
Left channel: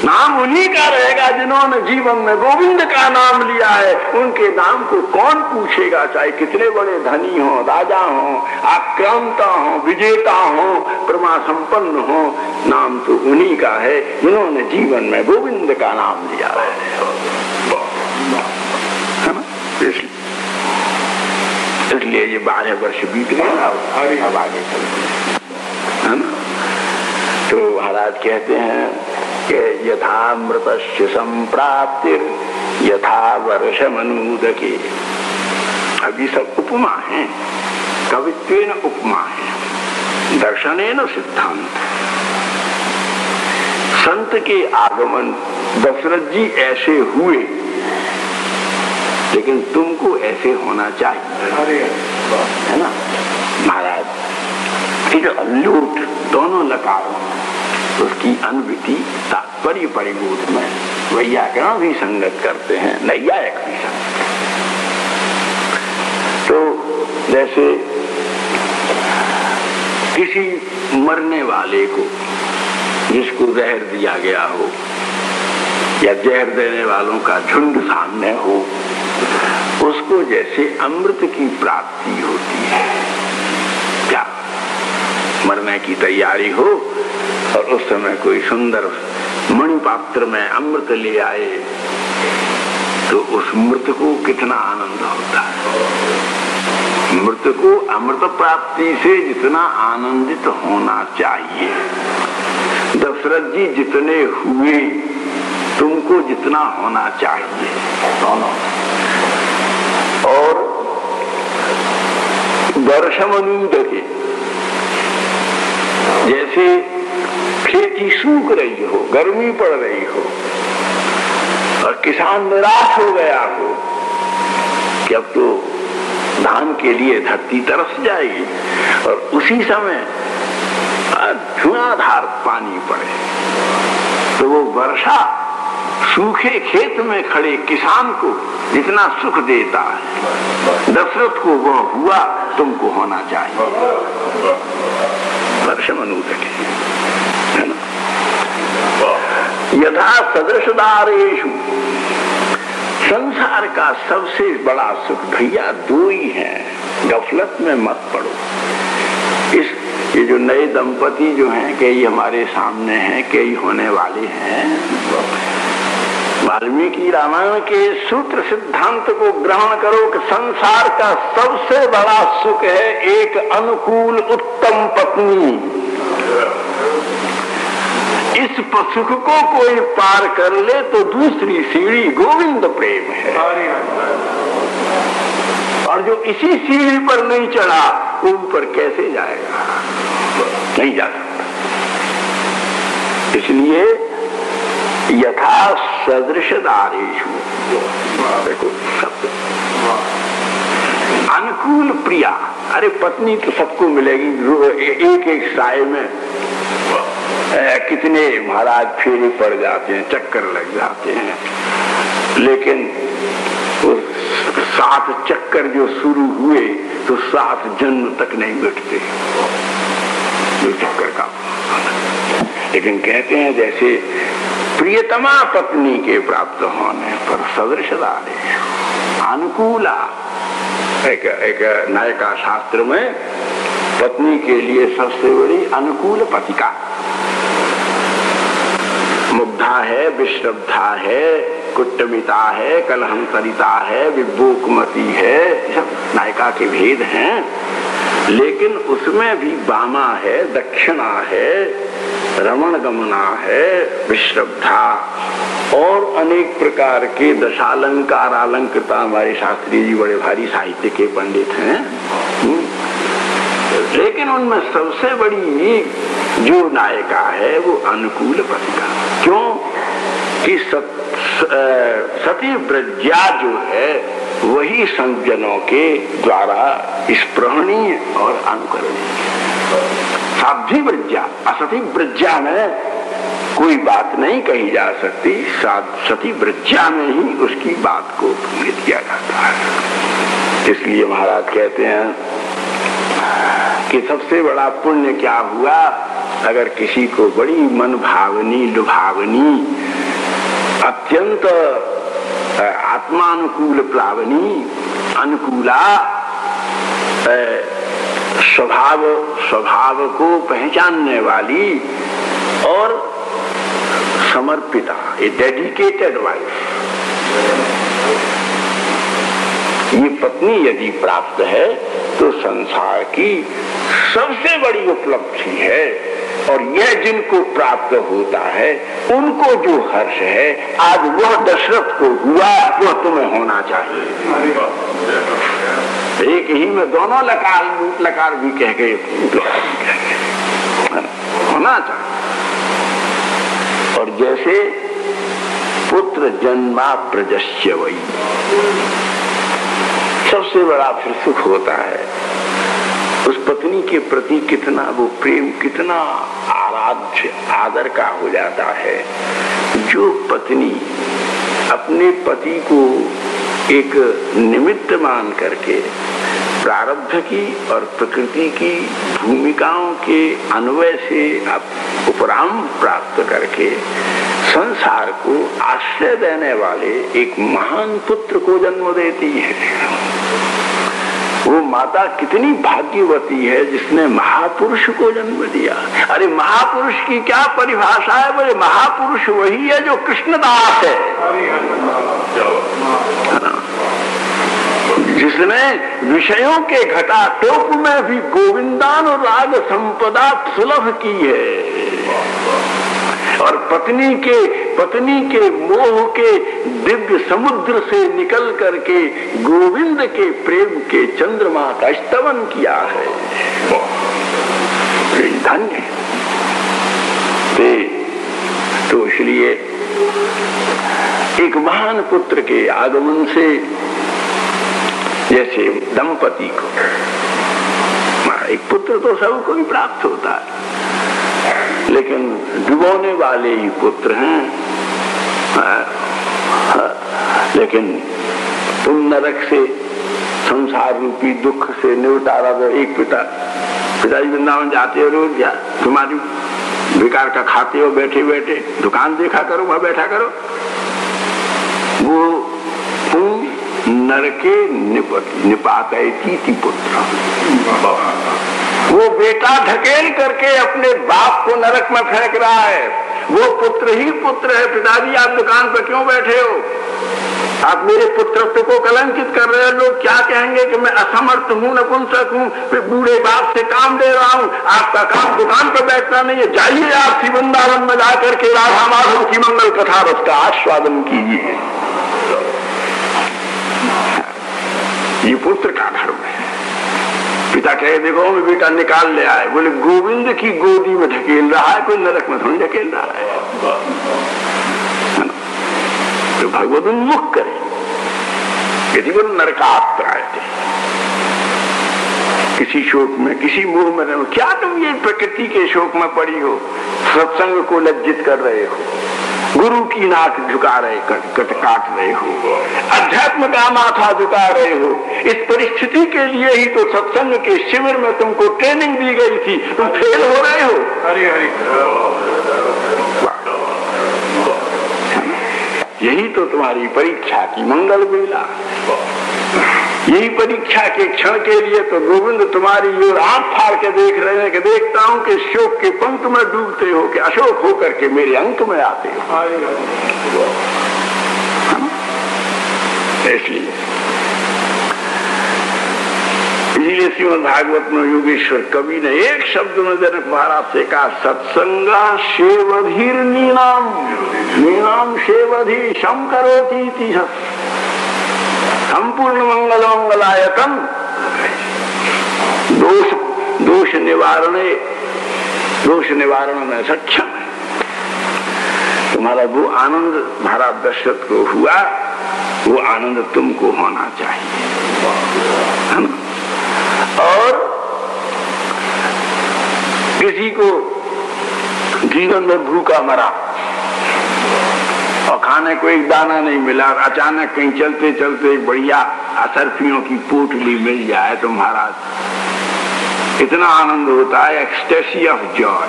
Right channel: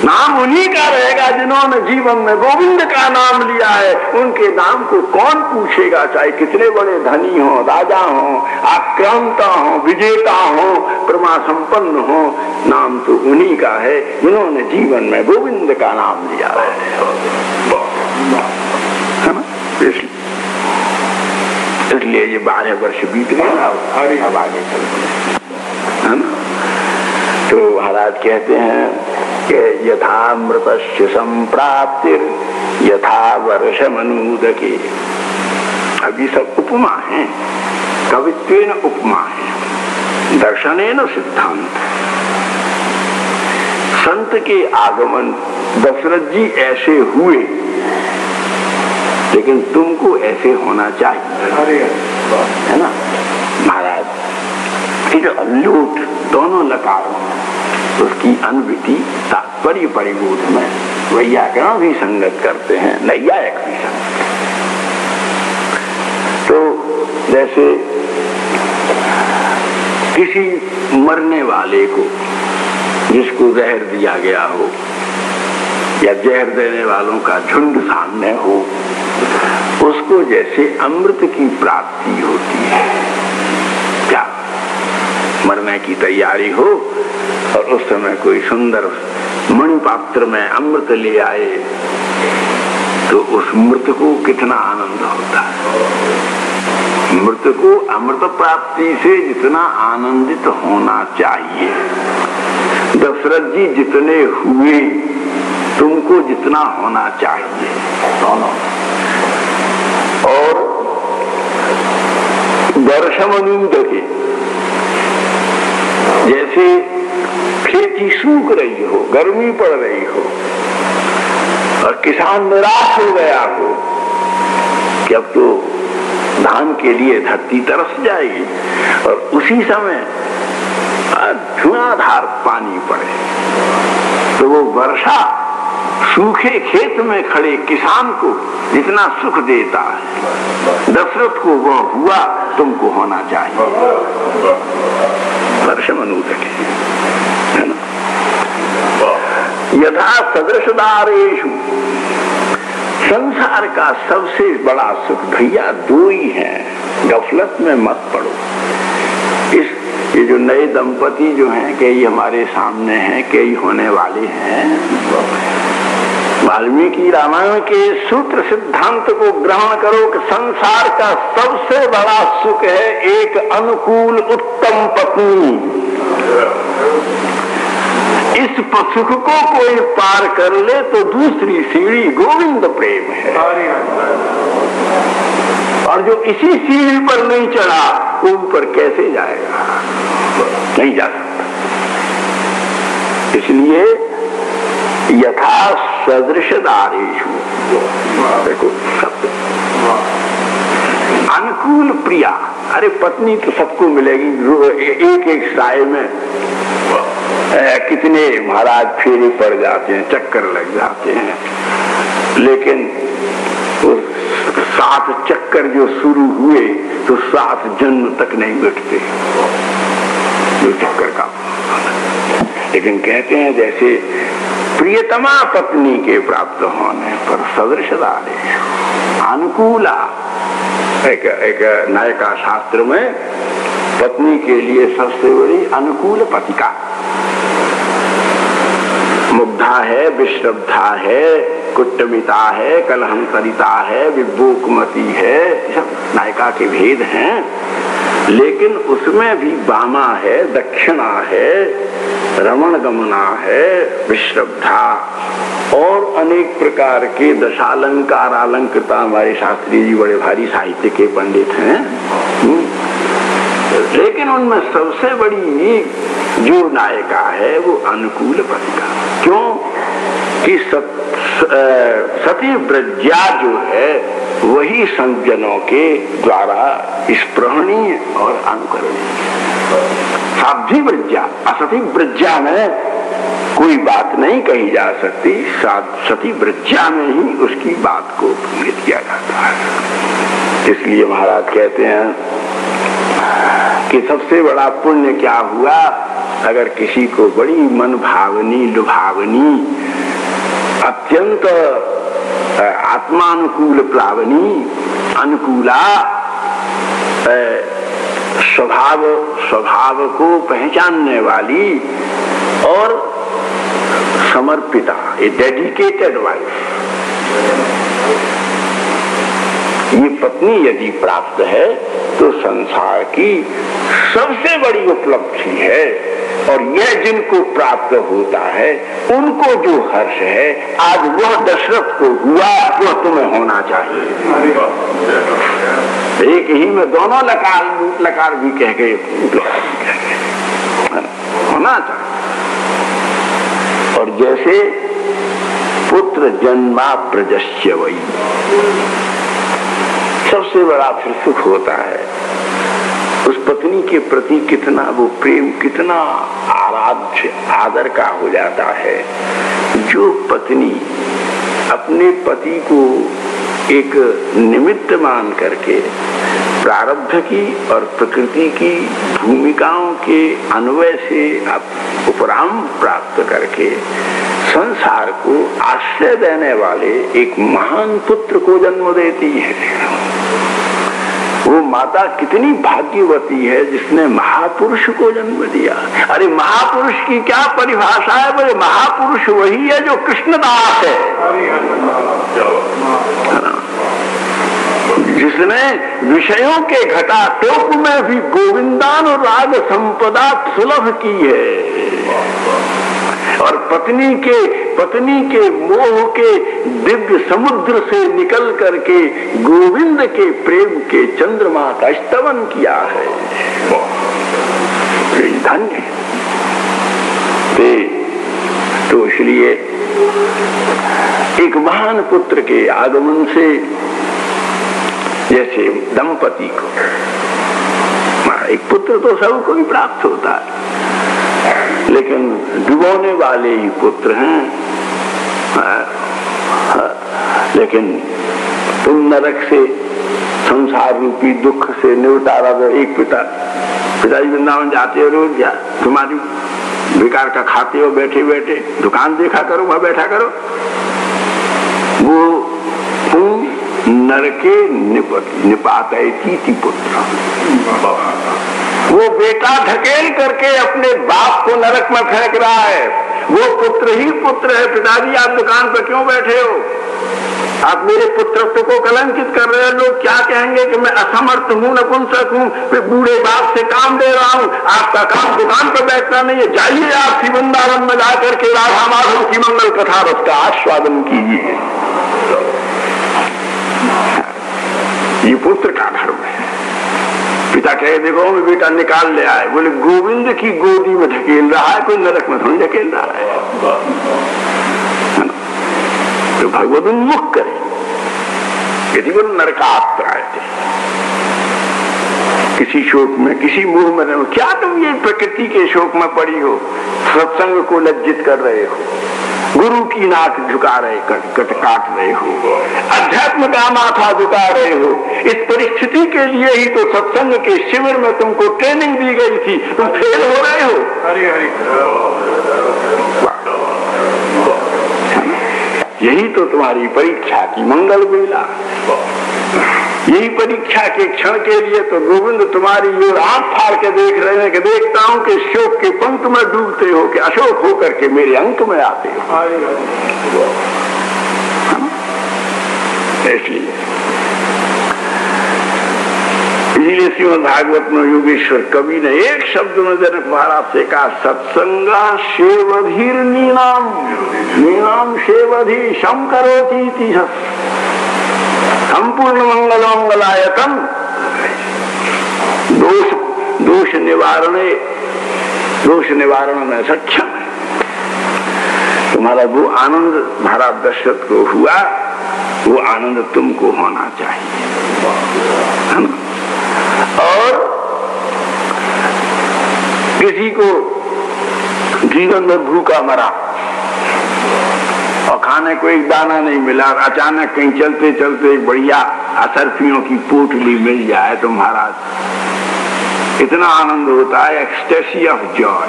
नाम उन्हीं का रहेगा जिन्होंने जीवन में गोविंद का नाम लिया है। उनके नाम को कौन पूछेगा, चाहे कितने बड़े धनी हो, राजा हो, आक्रांता हो, विजेता हो, प्रमा संपन्न हो, नाम तो उन्हीं का है जिन्होंने जीवन में गोविंद का नाम लिया है ना। इसलिए ये 12 वर्ष बीत गए, अब आगे चल। तो महाराज कहते हैं कि यथा मृतस्य संप्राप्तिर यथा वर्ष मनुदके। अब ये सब उपमा है, कवित्वेन उपमा है, दर्शनेन सिद्धांत। संत के आगमन, दशरथ जी ऐसे हुए लेकिन तुमको ऐसे होना चाहिए, है ना महाराज। ये जो अल्लूट दोनों लकारों उसकी अनवृत्ति तात्पर्य परिबोध में वैयाकरण भी संगत करते हैं, नैयायिक भी संगत। तो जैसे किसी मरने वाले को जिसको जहर दिया गया हो या जहर देने वालों का झुंड सामने हो, उसको जैसे अमृत की प्राप्ति होती है, क्या मरने की तैयारी हो और उस समय कोई सुंदर मणि पात्र में अमृत ले आए तो उस मृत को कितना आनंद होता है। मृत को अमृत प्राप्ति से जितना आनंदित होना चाहिए, दशरथ जी जितने हुए तुमको जितना होना चाहिए दोनों। और वर्षमनुद के जैसे खेती सूख रही हो, गर्मी पड़ रही हो और किसान निराश हो गया हो कि अब तो धान के लिए धरती तरस जाएगी, और उसी समय धुआंधार पानी पड़े तो वो वर्षा सूखे खेत में खड़े किसान को जितना सुख देता है, दशरथ को वो हुआ तुमको होना चाहिए। वर्षमनुद है ना। यथा सदृशदारेषु, संसार का सबसे बड़ा सुख भैया 2 ही है, गफलत में मत पड़ो। ये जो नए दंपति जो हैं, कई हमारे सामने हैं, कई होने वाले हैं, वाल्मीकि रामायण के सूत्र सिद्धांत को ग्रहण करो कि संसार का सबसे बड़ा सुख है एक अनुकूल उत्तम पत्नी। इस सुख को कोई पार कर ले तो दूसरी सीढ़ी गोविंद प्रेम है, और जो इसी सीढ़ी पर नहीं चढ़ा वो ऊपर कैसे जाएगा, नहीं जा सकता। इसलिए यथा सदृशदारेषु, देखो शब्द अनुकूल प्रिया। अरे पत्नी तो सबको मिलेगी, एक एक साय में कितने महाराज फेरे पड़ जाते हैं, चक्कर लग जाते हैं, लेकिन 7 चक्कर जो शुरू हुए तो 7 जन्म तक नहीं मिटते जो चक्कर का। लेकिन कहते हैं जैसे प्रियतमा पत्नी के प्राप्त होने पर सदृशदारे अनुकूला, एक नायका शास्त्र में पत्नी के लिए सबसे बड़ी अनुकूल पतिका मुग्धा है, विश्रब्धा है, कुट्टमिता है, कलहंसरिता है, विभोकमती है, सब नायिका के भेद हैं। लेकिन उसमें भी वामा है, दक्षिणा है, रमण गमना है, विश्रब्धा और अनेक प्रकार के दशालंकार अलंकृता। हमारे शास्त्री जी बड़े भारी साहित्य के पंडित हैं, लेकिन उनमें सबसे बड़ी जो नायिका है वो अनुकूल पतिका। क्यों कि सती व्रज्या जो है वही संतजनों के द्वारा स्पृहणीय और अनुकरणीय। साध्वी व्रज्या, असती व्रज्या में कोई बात नहीं कही जा सकती, सती व्रज्या में ही उसकी बात को प्रकट किया जाता है। इसलिए महाराज कहते हैं कि सबसे बड़ा पुण्य क्या हुआ, अगर किसी को बड़ी मन भावनी लुभावनी अत्यंत आत्मानुकूल प्लावनी अनुकूला स्वभाव को पहचानने वाली और समर्पिता, ए डेडिकेटेड वाइफ, ये पत्नी यदि प्राप्त है तो संसार की सबसे बड़ी उपलब्धि है। और यह जिनको प्राप्त होता है उनको जो हर्ष है आज वह दशरथ को हुआ, वह तुम्हें होना चाहिए। एक ही में दोनों लकार भी कह गए, होना चाहिए। और जैसे पुत्र जन्मा प्रजस्य वही, सबसे बड़ा फिर सुख होता है उस पत्नी के प्रति कितना वो प्रेम, कितना आराध्य आदर का हो जाता है। जो पत्नी अपने पति को एक निमित्त मान करके प्रारब्ध की और प्रकृति की भूमिकाओं के अन्वय से उपराम प्राप्त करके संसार को आश्रय देने वाले एक महान पुत्र को जन्म देती है, वो माता कितनी भाग्यवती है जिसने महापुरुष को जन्म दिया। अरे महापुरुष की क्या परिभाषा है, बोले महापुरुष वही है जो कृष्णदास है, जिसने विषयों के घटाटोप में भी गोविंदानुराग संपदा सुलभ की है और पत्नी के मोह के दिव्य समुद्र से निकल करके गोविंद के प्रेम के चंद्रमा का स्तवन किया है। धन्य तो इसलिए एक महान पुत्र के आगमन से जैसे दंपति को एक पुत्र तो सबको ही प्राप्त होता है, लेकिन डुबोने वाले ही पुत्र हैं। लेकिन तुम नरक से संसार रूपी दुख से निवटारा दो। एक पिताजी वृंदावन जाते हो रोज, जा तुम्हारी बेकार का खाते हो बैठे बैठे, दुकान देखा करो, वहां बैठा करो। वो तुम नरके निपाते की पुत्र, वो बेटा ढकेल करके अपने बाप को नरक में फेंक रहा है। वो पुत्र ही पुत्र है। पिताजी आप दुकान पर क्यों बैठे हो, आप मेरे पुत्रत्व को कलंकित कर रहे हो। लोग क्या कहेंगे कि मैं असमर्थ हूँ, नपुंसक हूँ, फिर बूढ़े बाप से काम ले रहा हूँ। आपका काम दुकान पर बैठना नहीं है, जाइए आप वृंदावन में जाकर के राधा माधव की मंगल कथा रस का आस्वादन कीजिए। ये पुत्र का धर्म है। पिता कहे देखो मैं बेटा निकाल ले आए, बोले गोविंद की गोदी में ढकेल रहा है, कोई नरक में थोड़ी ढकेल रहा है। तो भगवत उन्मुख करे यदि वो नरकात्राय किसी शोक में, किसी मोह में रहो। क्या तुम ये प्रकृति के शोक में पड़ी हो, सत्संग को लज्जित कर रहे हो, गुरु की नाक झुका रहे, कट काट रहे हो, अध्यात्म का माथा झुका रहे हो। इस परिस्थिति के लिए ही तो सत्संग के शिविर में तुमको ट्रेनिंग दी गई थी, तुम फेल हो रहे हो। हरि हरि, यही तो तुम्हारी परीक्षा की मंगल बेला। यही परीक्षा के क्षण के लिए तो गोविंद तुम्हारी ओर आंख फाड़ के देख रहे हैं कि देखता हूं कि शोक के पंख में डूबते हो कि अशोक होकर के मेरे अंक में आते हो। इसलिए श्रीमद् भागवत में योगेश्वर कवि ने एक शब्द में जनक महाराज से कहा, सत्संगा सेवधीर नीनाम नीनाम सेवधी शंकरोती संपूर्ण मंगलायतन दोष निवारण में सक्षम है। तुम्हारा वो आनंद महाराज दशरथ को हुआ, वो आनंद तुमको होना चाहिए। और किसी को जीवन में भूखा मरा और खाने को एक दाना नहीं मिला, अचानक कहीं चलते चलते एक बढ़िया असरफियों की पोटली मिल जाए तो महाराज इतना आनंद होता है, एक्सटेसी ऑफ जॉय।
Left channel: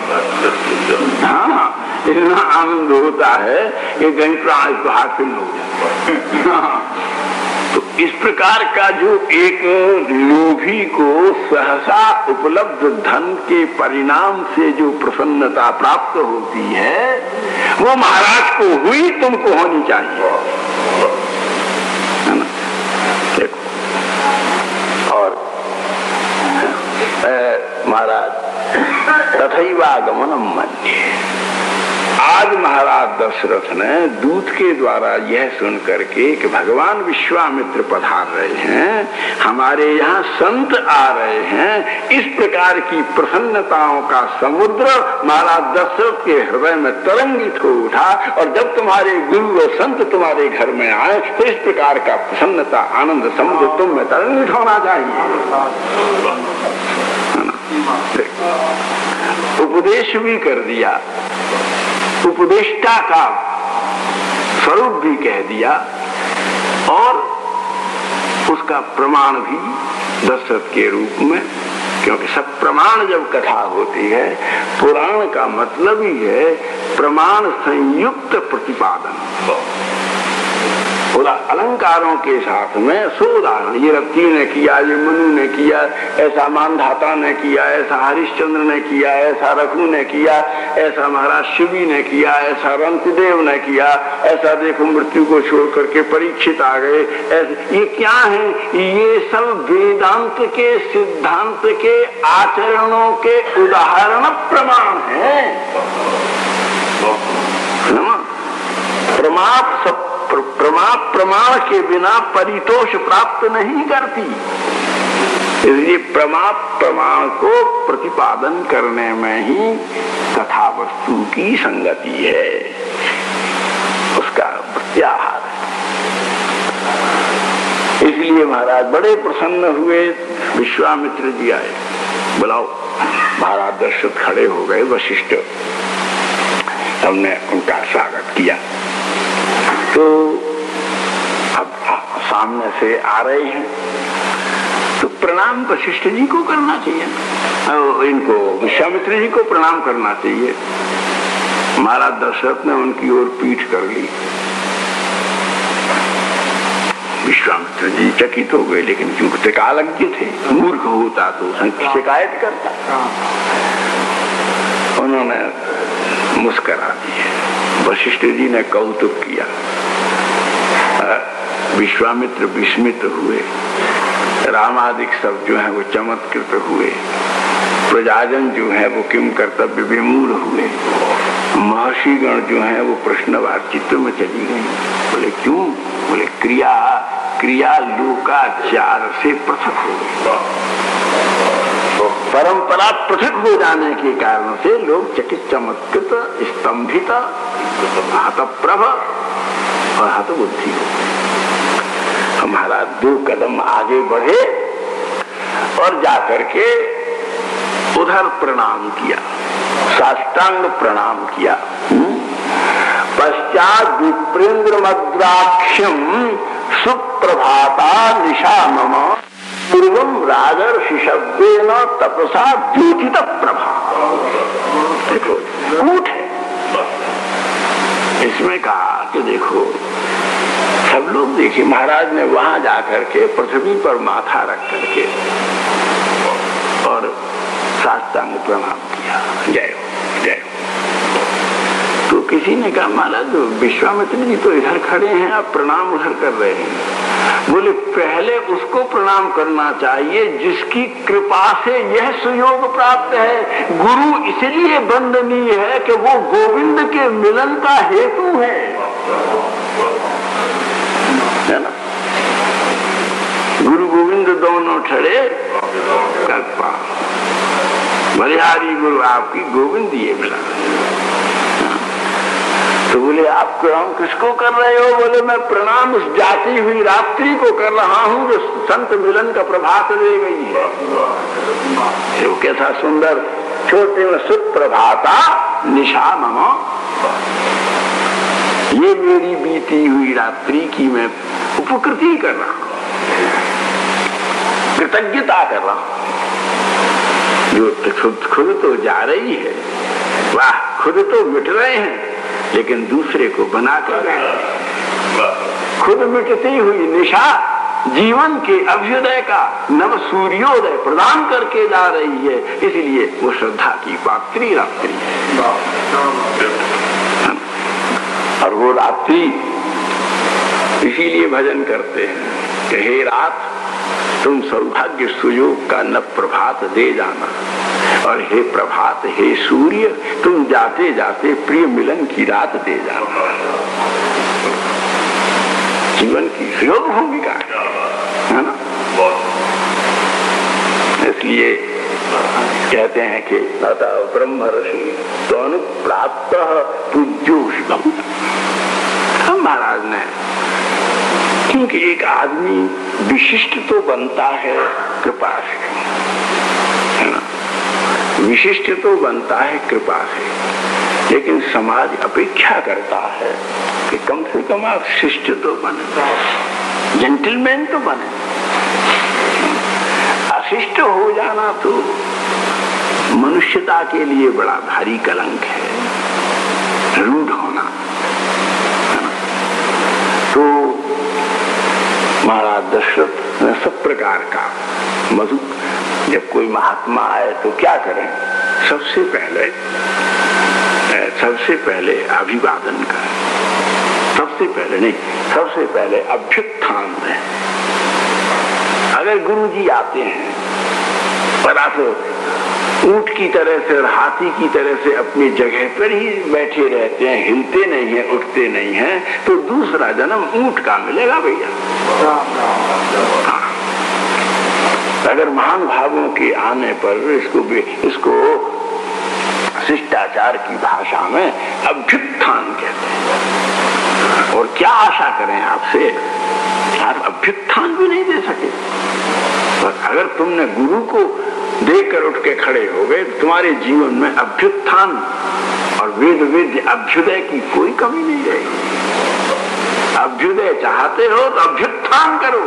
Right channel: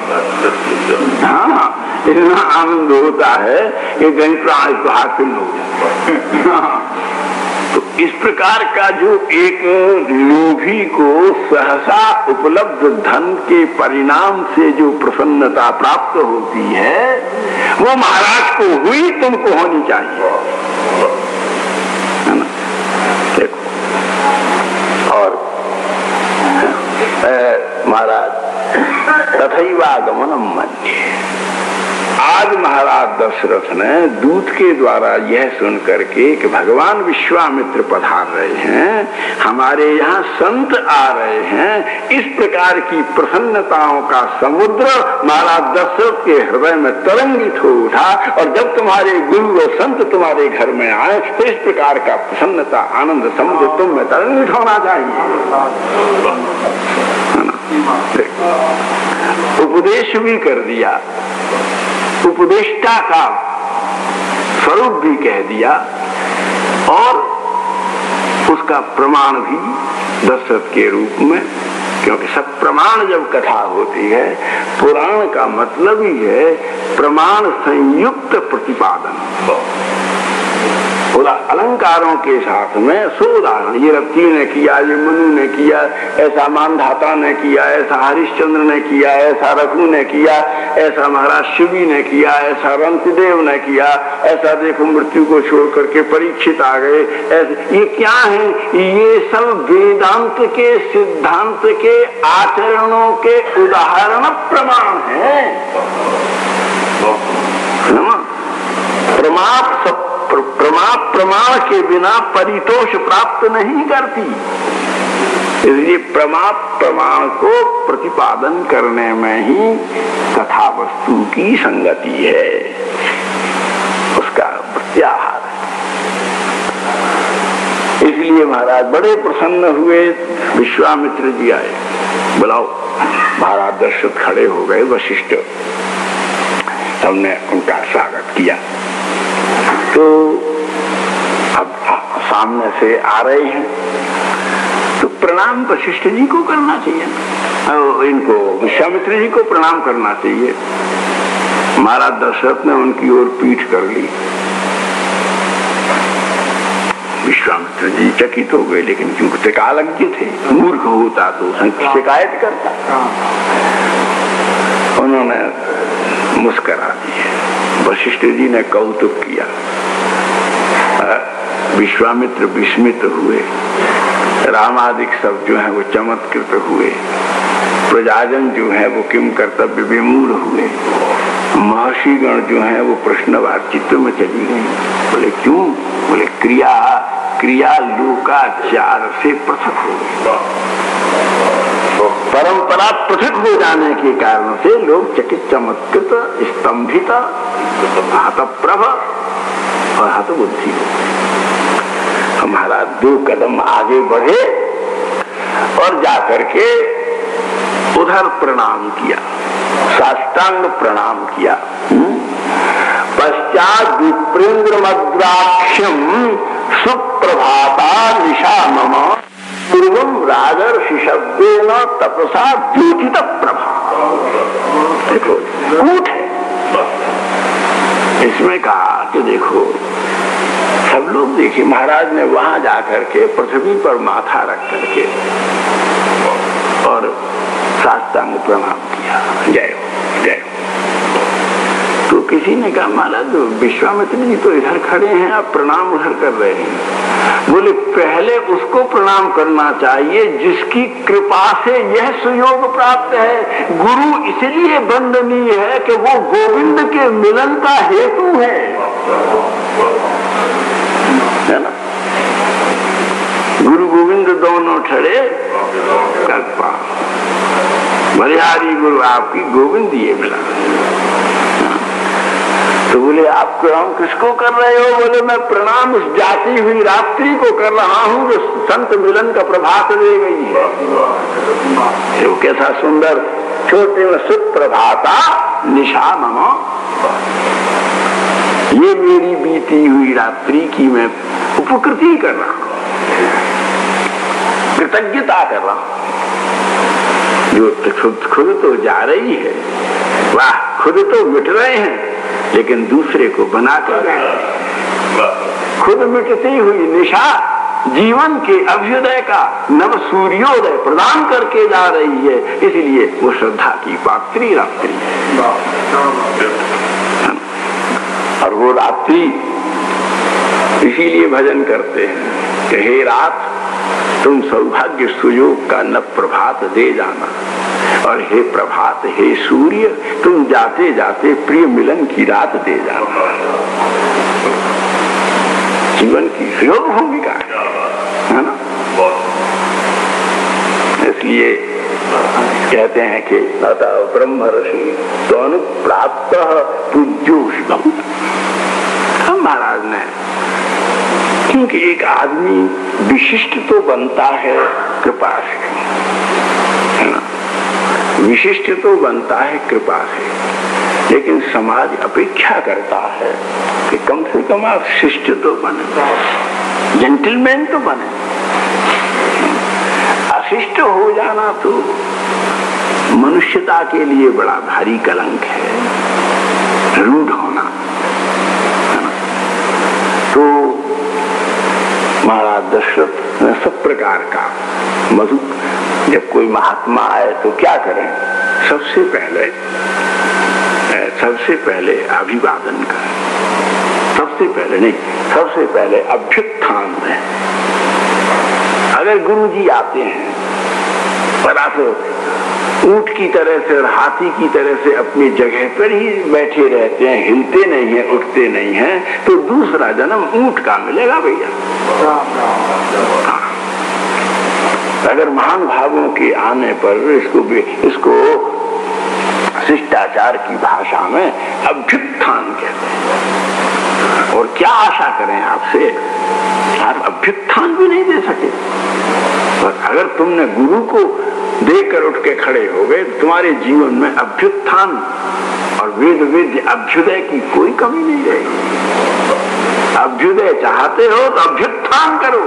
हाँ, इतना आनंद होता है कि कहीं प्राण को हासिल हो जाए। तो इस प्रकार का जो एक लोभी को सहसा उपलब्ध धन के परिणाम से जो प्रसन्नता प्राप्त होती है, वो महाराज को हुई, तुमको होनी चाहिए, है ना? देखो, और महाराज तथैवागमनम मध्य, आज महाराज दशरथ ने दूत के द्वारा यह सुन करके कि भगवान विश्वामित्र पधार रहे हैं, हमारे यहाँ संत आ रहे हैं, इस प्रकार की प्रसन्नताओं का समुद्र महाराज दशरथ के हृदय में तरंगित हो उठा। और जब तुम्हारे गुरु और संत तुम्हारे घर में आए तो इस प्रकार का प्रसन्नता आनंद समुद्र तुम में तरंगित होना चाहिए। उपदेश भी कर दिया, उपदेष्टा का स्वरूप भी कह दिया, और उसका प्रमाण भी दशरथ के रूप में, क्योंकि सब प्रमाण जब कथा होती है, पुराण का मतलब ही है प्रमाण संयुक्त प्रतिपादन। अलंकारों के साथ में सोदाहरण, ये रत्ती ने किया, ये मनु ने किया, ऐसा मानधाता ने किया, ऐसा हरिश्चंद्र ने किया, ऐसा रघु ने किया, ऐसा महाराज शिवी ने किया, ऐसा रंतदेव ने किया, ऐसा देखो मृत्यु को छोड़ करके परीक्षित आ गए। ये क्या है? ये सब वेदांत के सिद्धांत के आचरणों के उदाहरण प्रमाण है। प्रमाण के बिना परितोष प्राप्त नहीं करती, इसलिए प्रमाण को प्रतिपादन करने में ही कथा वस्तु की संगति है, उसका प्रत्याहार। इसलिए महाराज बड़े प्रसन्न हुए। विश्वामित्र जी आए, बुलाओ। महाराज दशरथ खड़े हो गए, वशिष्ठ हमने उनका स्वागत किया। तो अब सामने से आ रहे हैं तो प्रणाम वशिष्ठ जी को करना चाहिए, इनको विश्वामित्र जी को प्रणाम करना चाहिए। महाराज दशरथ ने उनकी ओर पीठ कर ली। विश्वामित्र जी चकित हो गए, लेकिन चूकते कालज्ञ थे, मूर्ख होता तो शिकायत करता। उन्होंने मुस्कुरा दिया। वशिष्ठ जी ने कौतुक किया। विश्वामित्र विस्मित हुए, रामादिक सब जो है वो चमत्कृत हुए, प्रजाजन जो है वो किम कर्तव्य विमूढ़ हुए, महर्षिगण जो है वो प्रश्नवाद चित्त में चली गई। बोले क्यों? बोले क्रिया लोकाचार से पृथक हो गई, परंपरा पृथक हो जाने के कारण से लोग चकित चमत्कृत स्तंभित हतप्रभ और हतबुद्धि। हमारा 2 कदम आगे बढ़े और जाकर के उधर प्रणाम किया, साष्टांग प्रणाम किया। पश्चात विप्रेंद्र मद्राक्षम सुप्रभाता निशा मम पूर्वम राजर्षि शब्देन तपसा द्योतित प्रभा। देखो कूट है इसमें, कहा कि देखो सब लोग देखिए, महाराज ने वहां जाकर के पृथ्वी पर माथा रख करके और साष्टांग प्रणाम किया, जय हो जय हो। तो किसी ने कहा महाराज महाराज विश्वामित्र जी तो इधर खड़े हैं, आप प्रणाम उधर कर रहे हैं। बोले पहले उसको प्रणाम करना चाहिए जिसकी कृपा से यह सुयोग प्राप्त है। गुरु इसलिए वंदनीय है कि वो गोविंद के मिलन का हेतु है ना। गुरु गोविंद दोनों ठड़े कृपा, बलिहारी गुरु आपकी गोविंद ये मिला। तो बोले आप प्रणाम किसको कर रहे हो? बोले मैं प्रणाम उस जाती हुई रात्रि को कर रहा हूँ जो संत मिलन का प्रभात दे गई है। वो कैसा सुंदर, छोटे में सुप्रभाता निशा मम, ये मेरी बीती हुई रात्रि की मैं उपकृति कर रहा हूँ, कृतज्ञता कर रहा हूँ। जो खुद तो जा रही है, वाह, खुद तो मिट रहे हैं लेकिन दूसरे को बना कर रहे हैं। खुद मिटती हुई निशा जीवन के अभ्युदय का नव सूर्योदय प्रदान करके जा रही है, इसलिए वो श्रद्धा की पात्री रात्रि है। और वो रात्रि इसीलिए भजन करते हैं कि हे रात तुम सौभाग्य सुयोग का न प्रभात दे जाना, और हे प्रभात हे सूर्य तुम जाते जाते प्रिय मिलन की रात दे जाना। जीवन की सुयोग भूमिका है ना। इसलिए कहते हैं कि अतः ब्रह्म ऋषि तो अनुप्राप्त पूज्यो शिवम। महाराज ने, क्योंकि एक आदमी विशिष्ट तो बनता है कृपा से, है ना, विशिष्ट तो बनता है कृपा से, लेकिन समाज अपेक्षा करता है कि कम से कम आप शिष्ट तो बने, जेंटलमैन तो बने। अशिष्ट हो जाना तो मनुष्यता के लिए बड़ा भारी कलंक है, रूढ़ होना। तो महाराज दशरथ ने सब प्रकार का मधु, जब कोई महात्मा आए तो क्या करें? सबसे पहले अभिवादन करें, सबसे पहले अभ्युत्थान है। अगर गुरु जी आते हैं पर आप ऊंट की तरह से और हाथी की तरह से अपनी जगह पर ही बैठे रहते हैं, हिलते नहीं हैं, उठते नहीं हैं, तो दूसरा जन्म ऊंट का मिलेगा भैया। अगर महान भावों के आने पर इसको शिष्टाचार की भाषा में अभ्युत्थान कहते हैं। और क्या आशा करें आपसे, आप अभ्युत्थान भी नहीं दे सके। और अगर तुमने गुरु को देखकर उठ के खड़े हो गए, तुम्हारे जीवन में अभ्युत्थान और वेद वेद्य अभ्युदय की कोई कमी नहीं रहेगी। अभ्युदय चाहते हो तो अभ्युत्थान करो।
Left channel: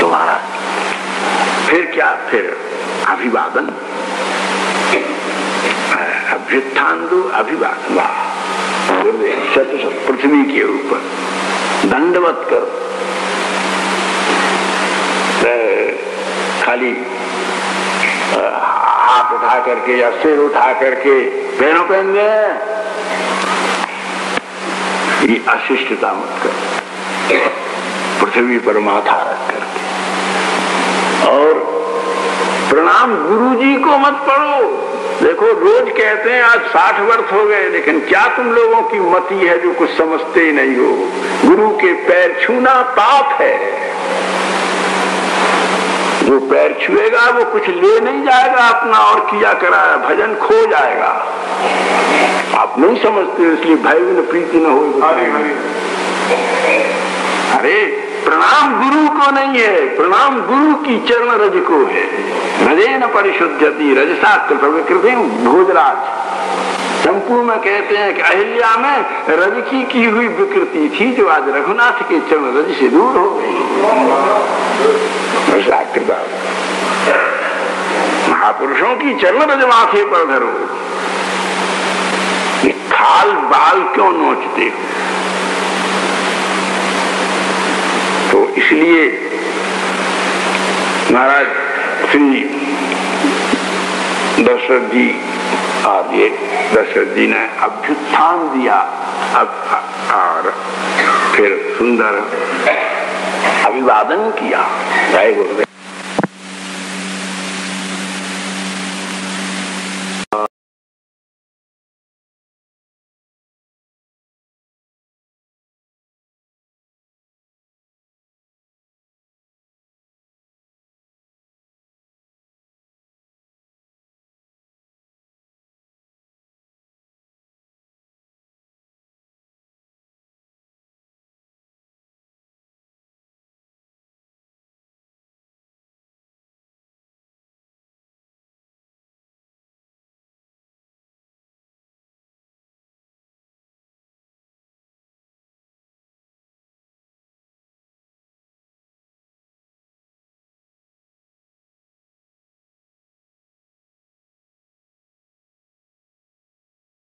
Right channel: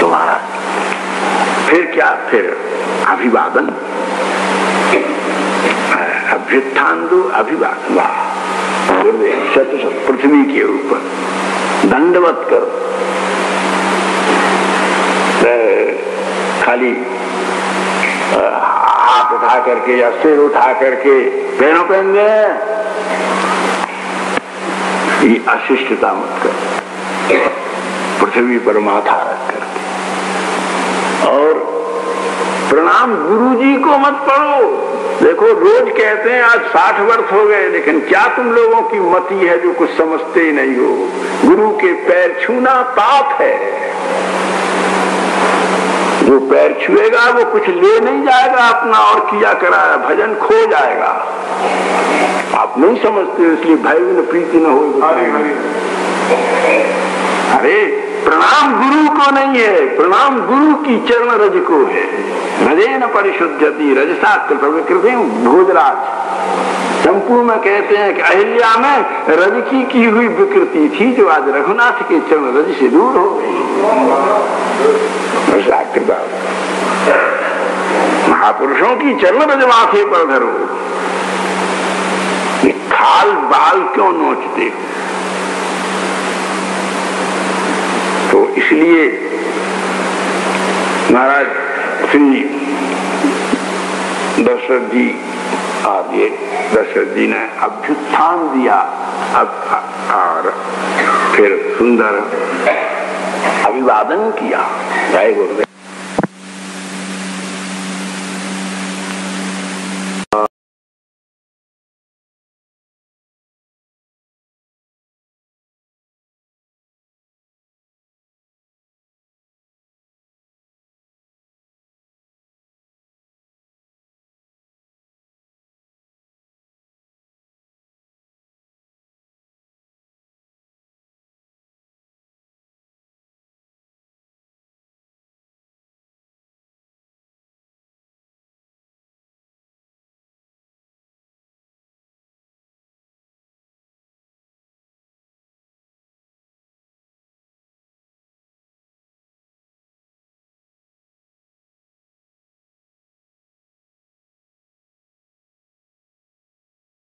तुम्हारा फिर क्या? फिर अभिवादन, अभ्युत्थान दो, अभिवादन। पृथ्वी के ऊपर दंडवत करो, खाली हाथ उठा करके या सिर उठा करके पैरों पहन गए, ये अशिष्टता मत करो। पृथ्वी पर माथा रख करके, और प्रणाम गुरु जी को मत करो। देखो रोज कहते हैं आज 60 वर्ष हो गए, लेकिन क्या तुम लोगों की मति है जो कुछ समझते ही नहीं हो। गुरु के पैर छूना पाप है। वो पैर छुएगा वो कुछ ले नहीं जाएगा अपना और किया कराया, भजन खो जाएगा। आप नहीं समझते, इसलिए भय न प्रीति न हो। अरे प्रणाम गुरु को नहीं है, प्रणाम गुरु की चरण रज को है। रजेन परिशुद्धति रजसा कृति भोजराज। चंपू में कहते हैं कि अहिल्या में रज की हुई विकृति थी जो आज रघुनाथ के चरण रज से दूर हो गई। महापुरुषों की चरण रज माथे पर धरो। ये खाल बाल क्यों नोचते? तो इसलिए महाराज श्री दशरथ जी और ये दशरथ जी ने अभ्युत्थान दिया और फिर सुंदर अभिवादन किया। जय गुरुदेव।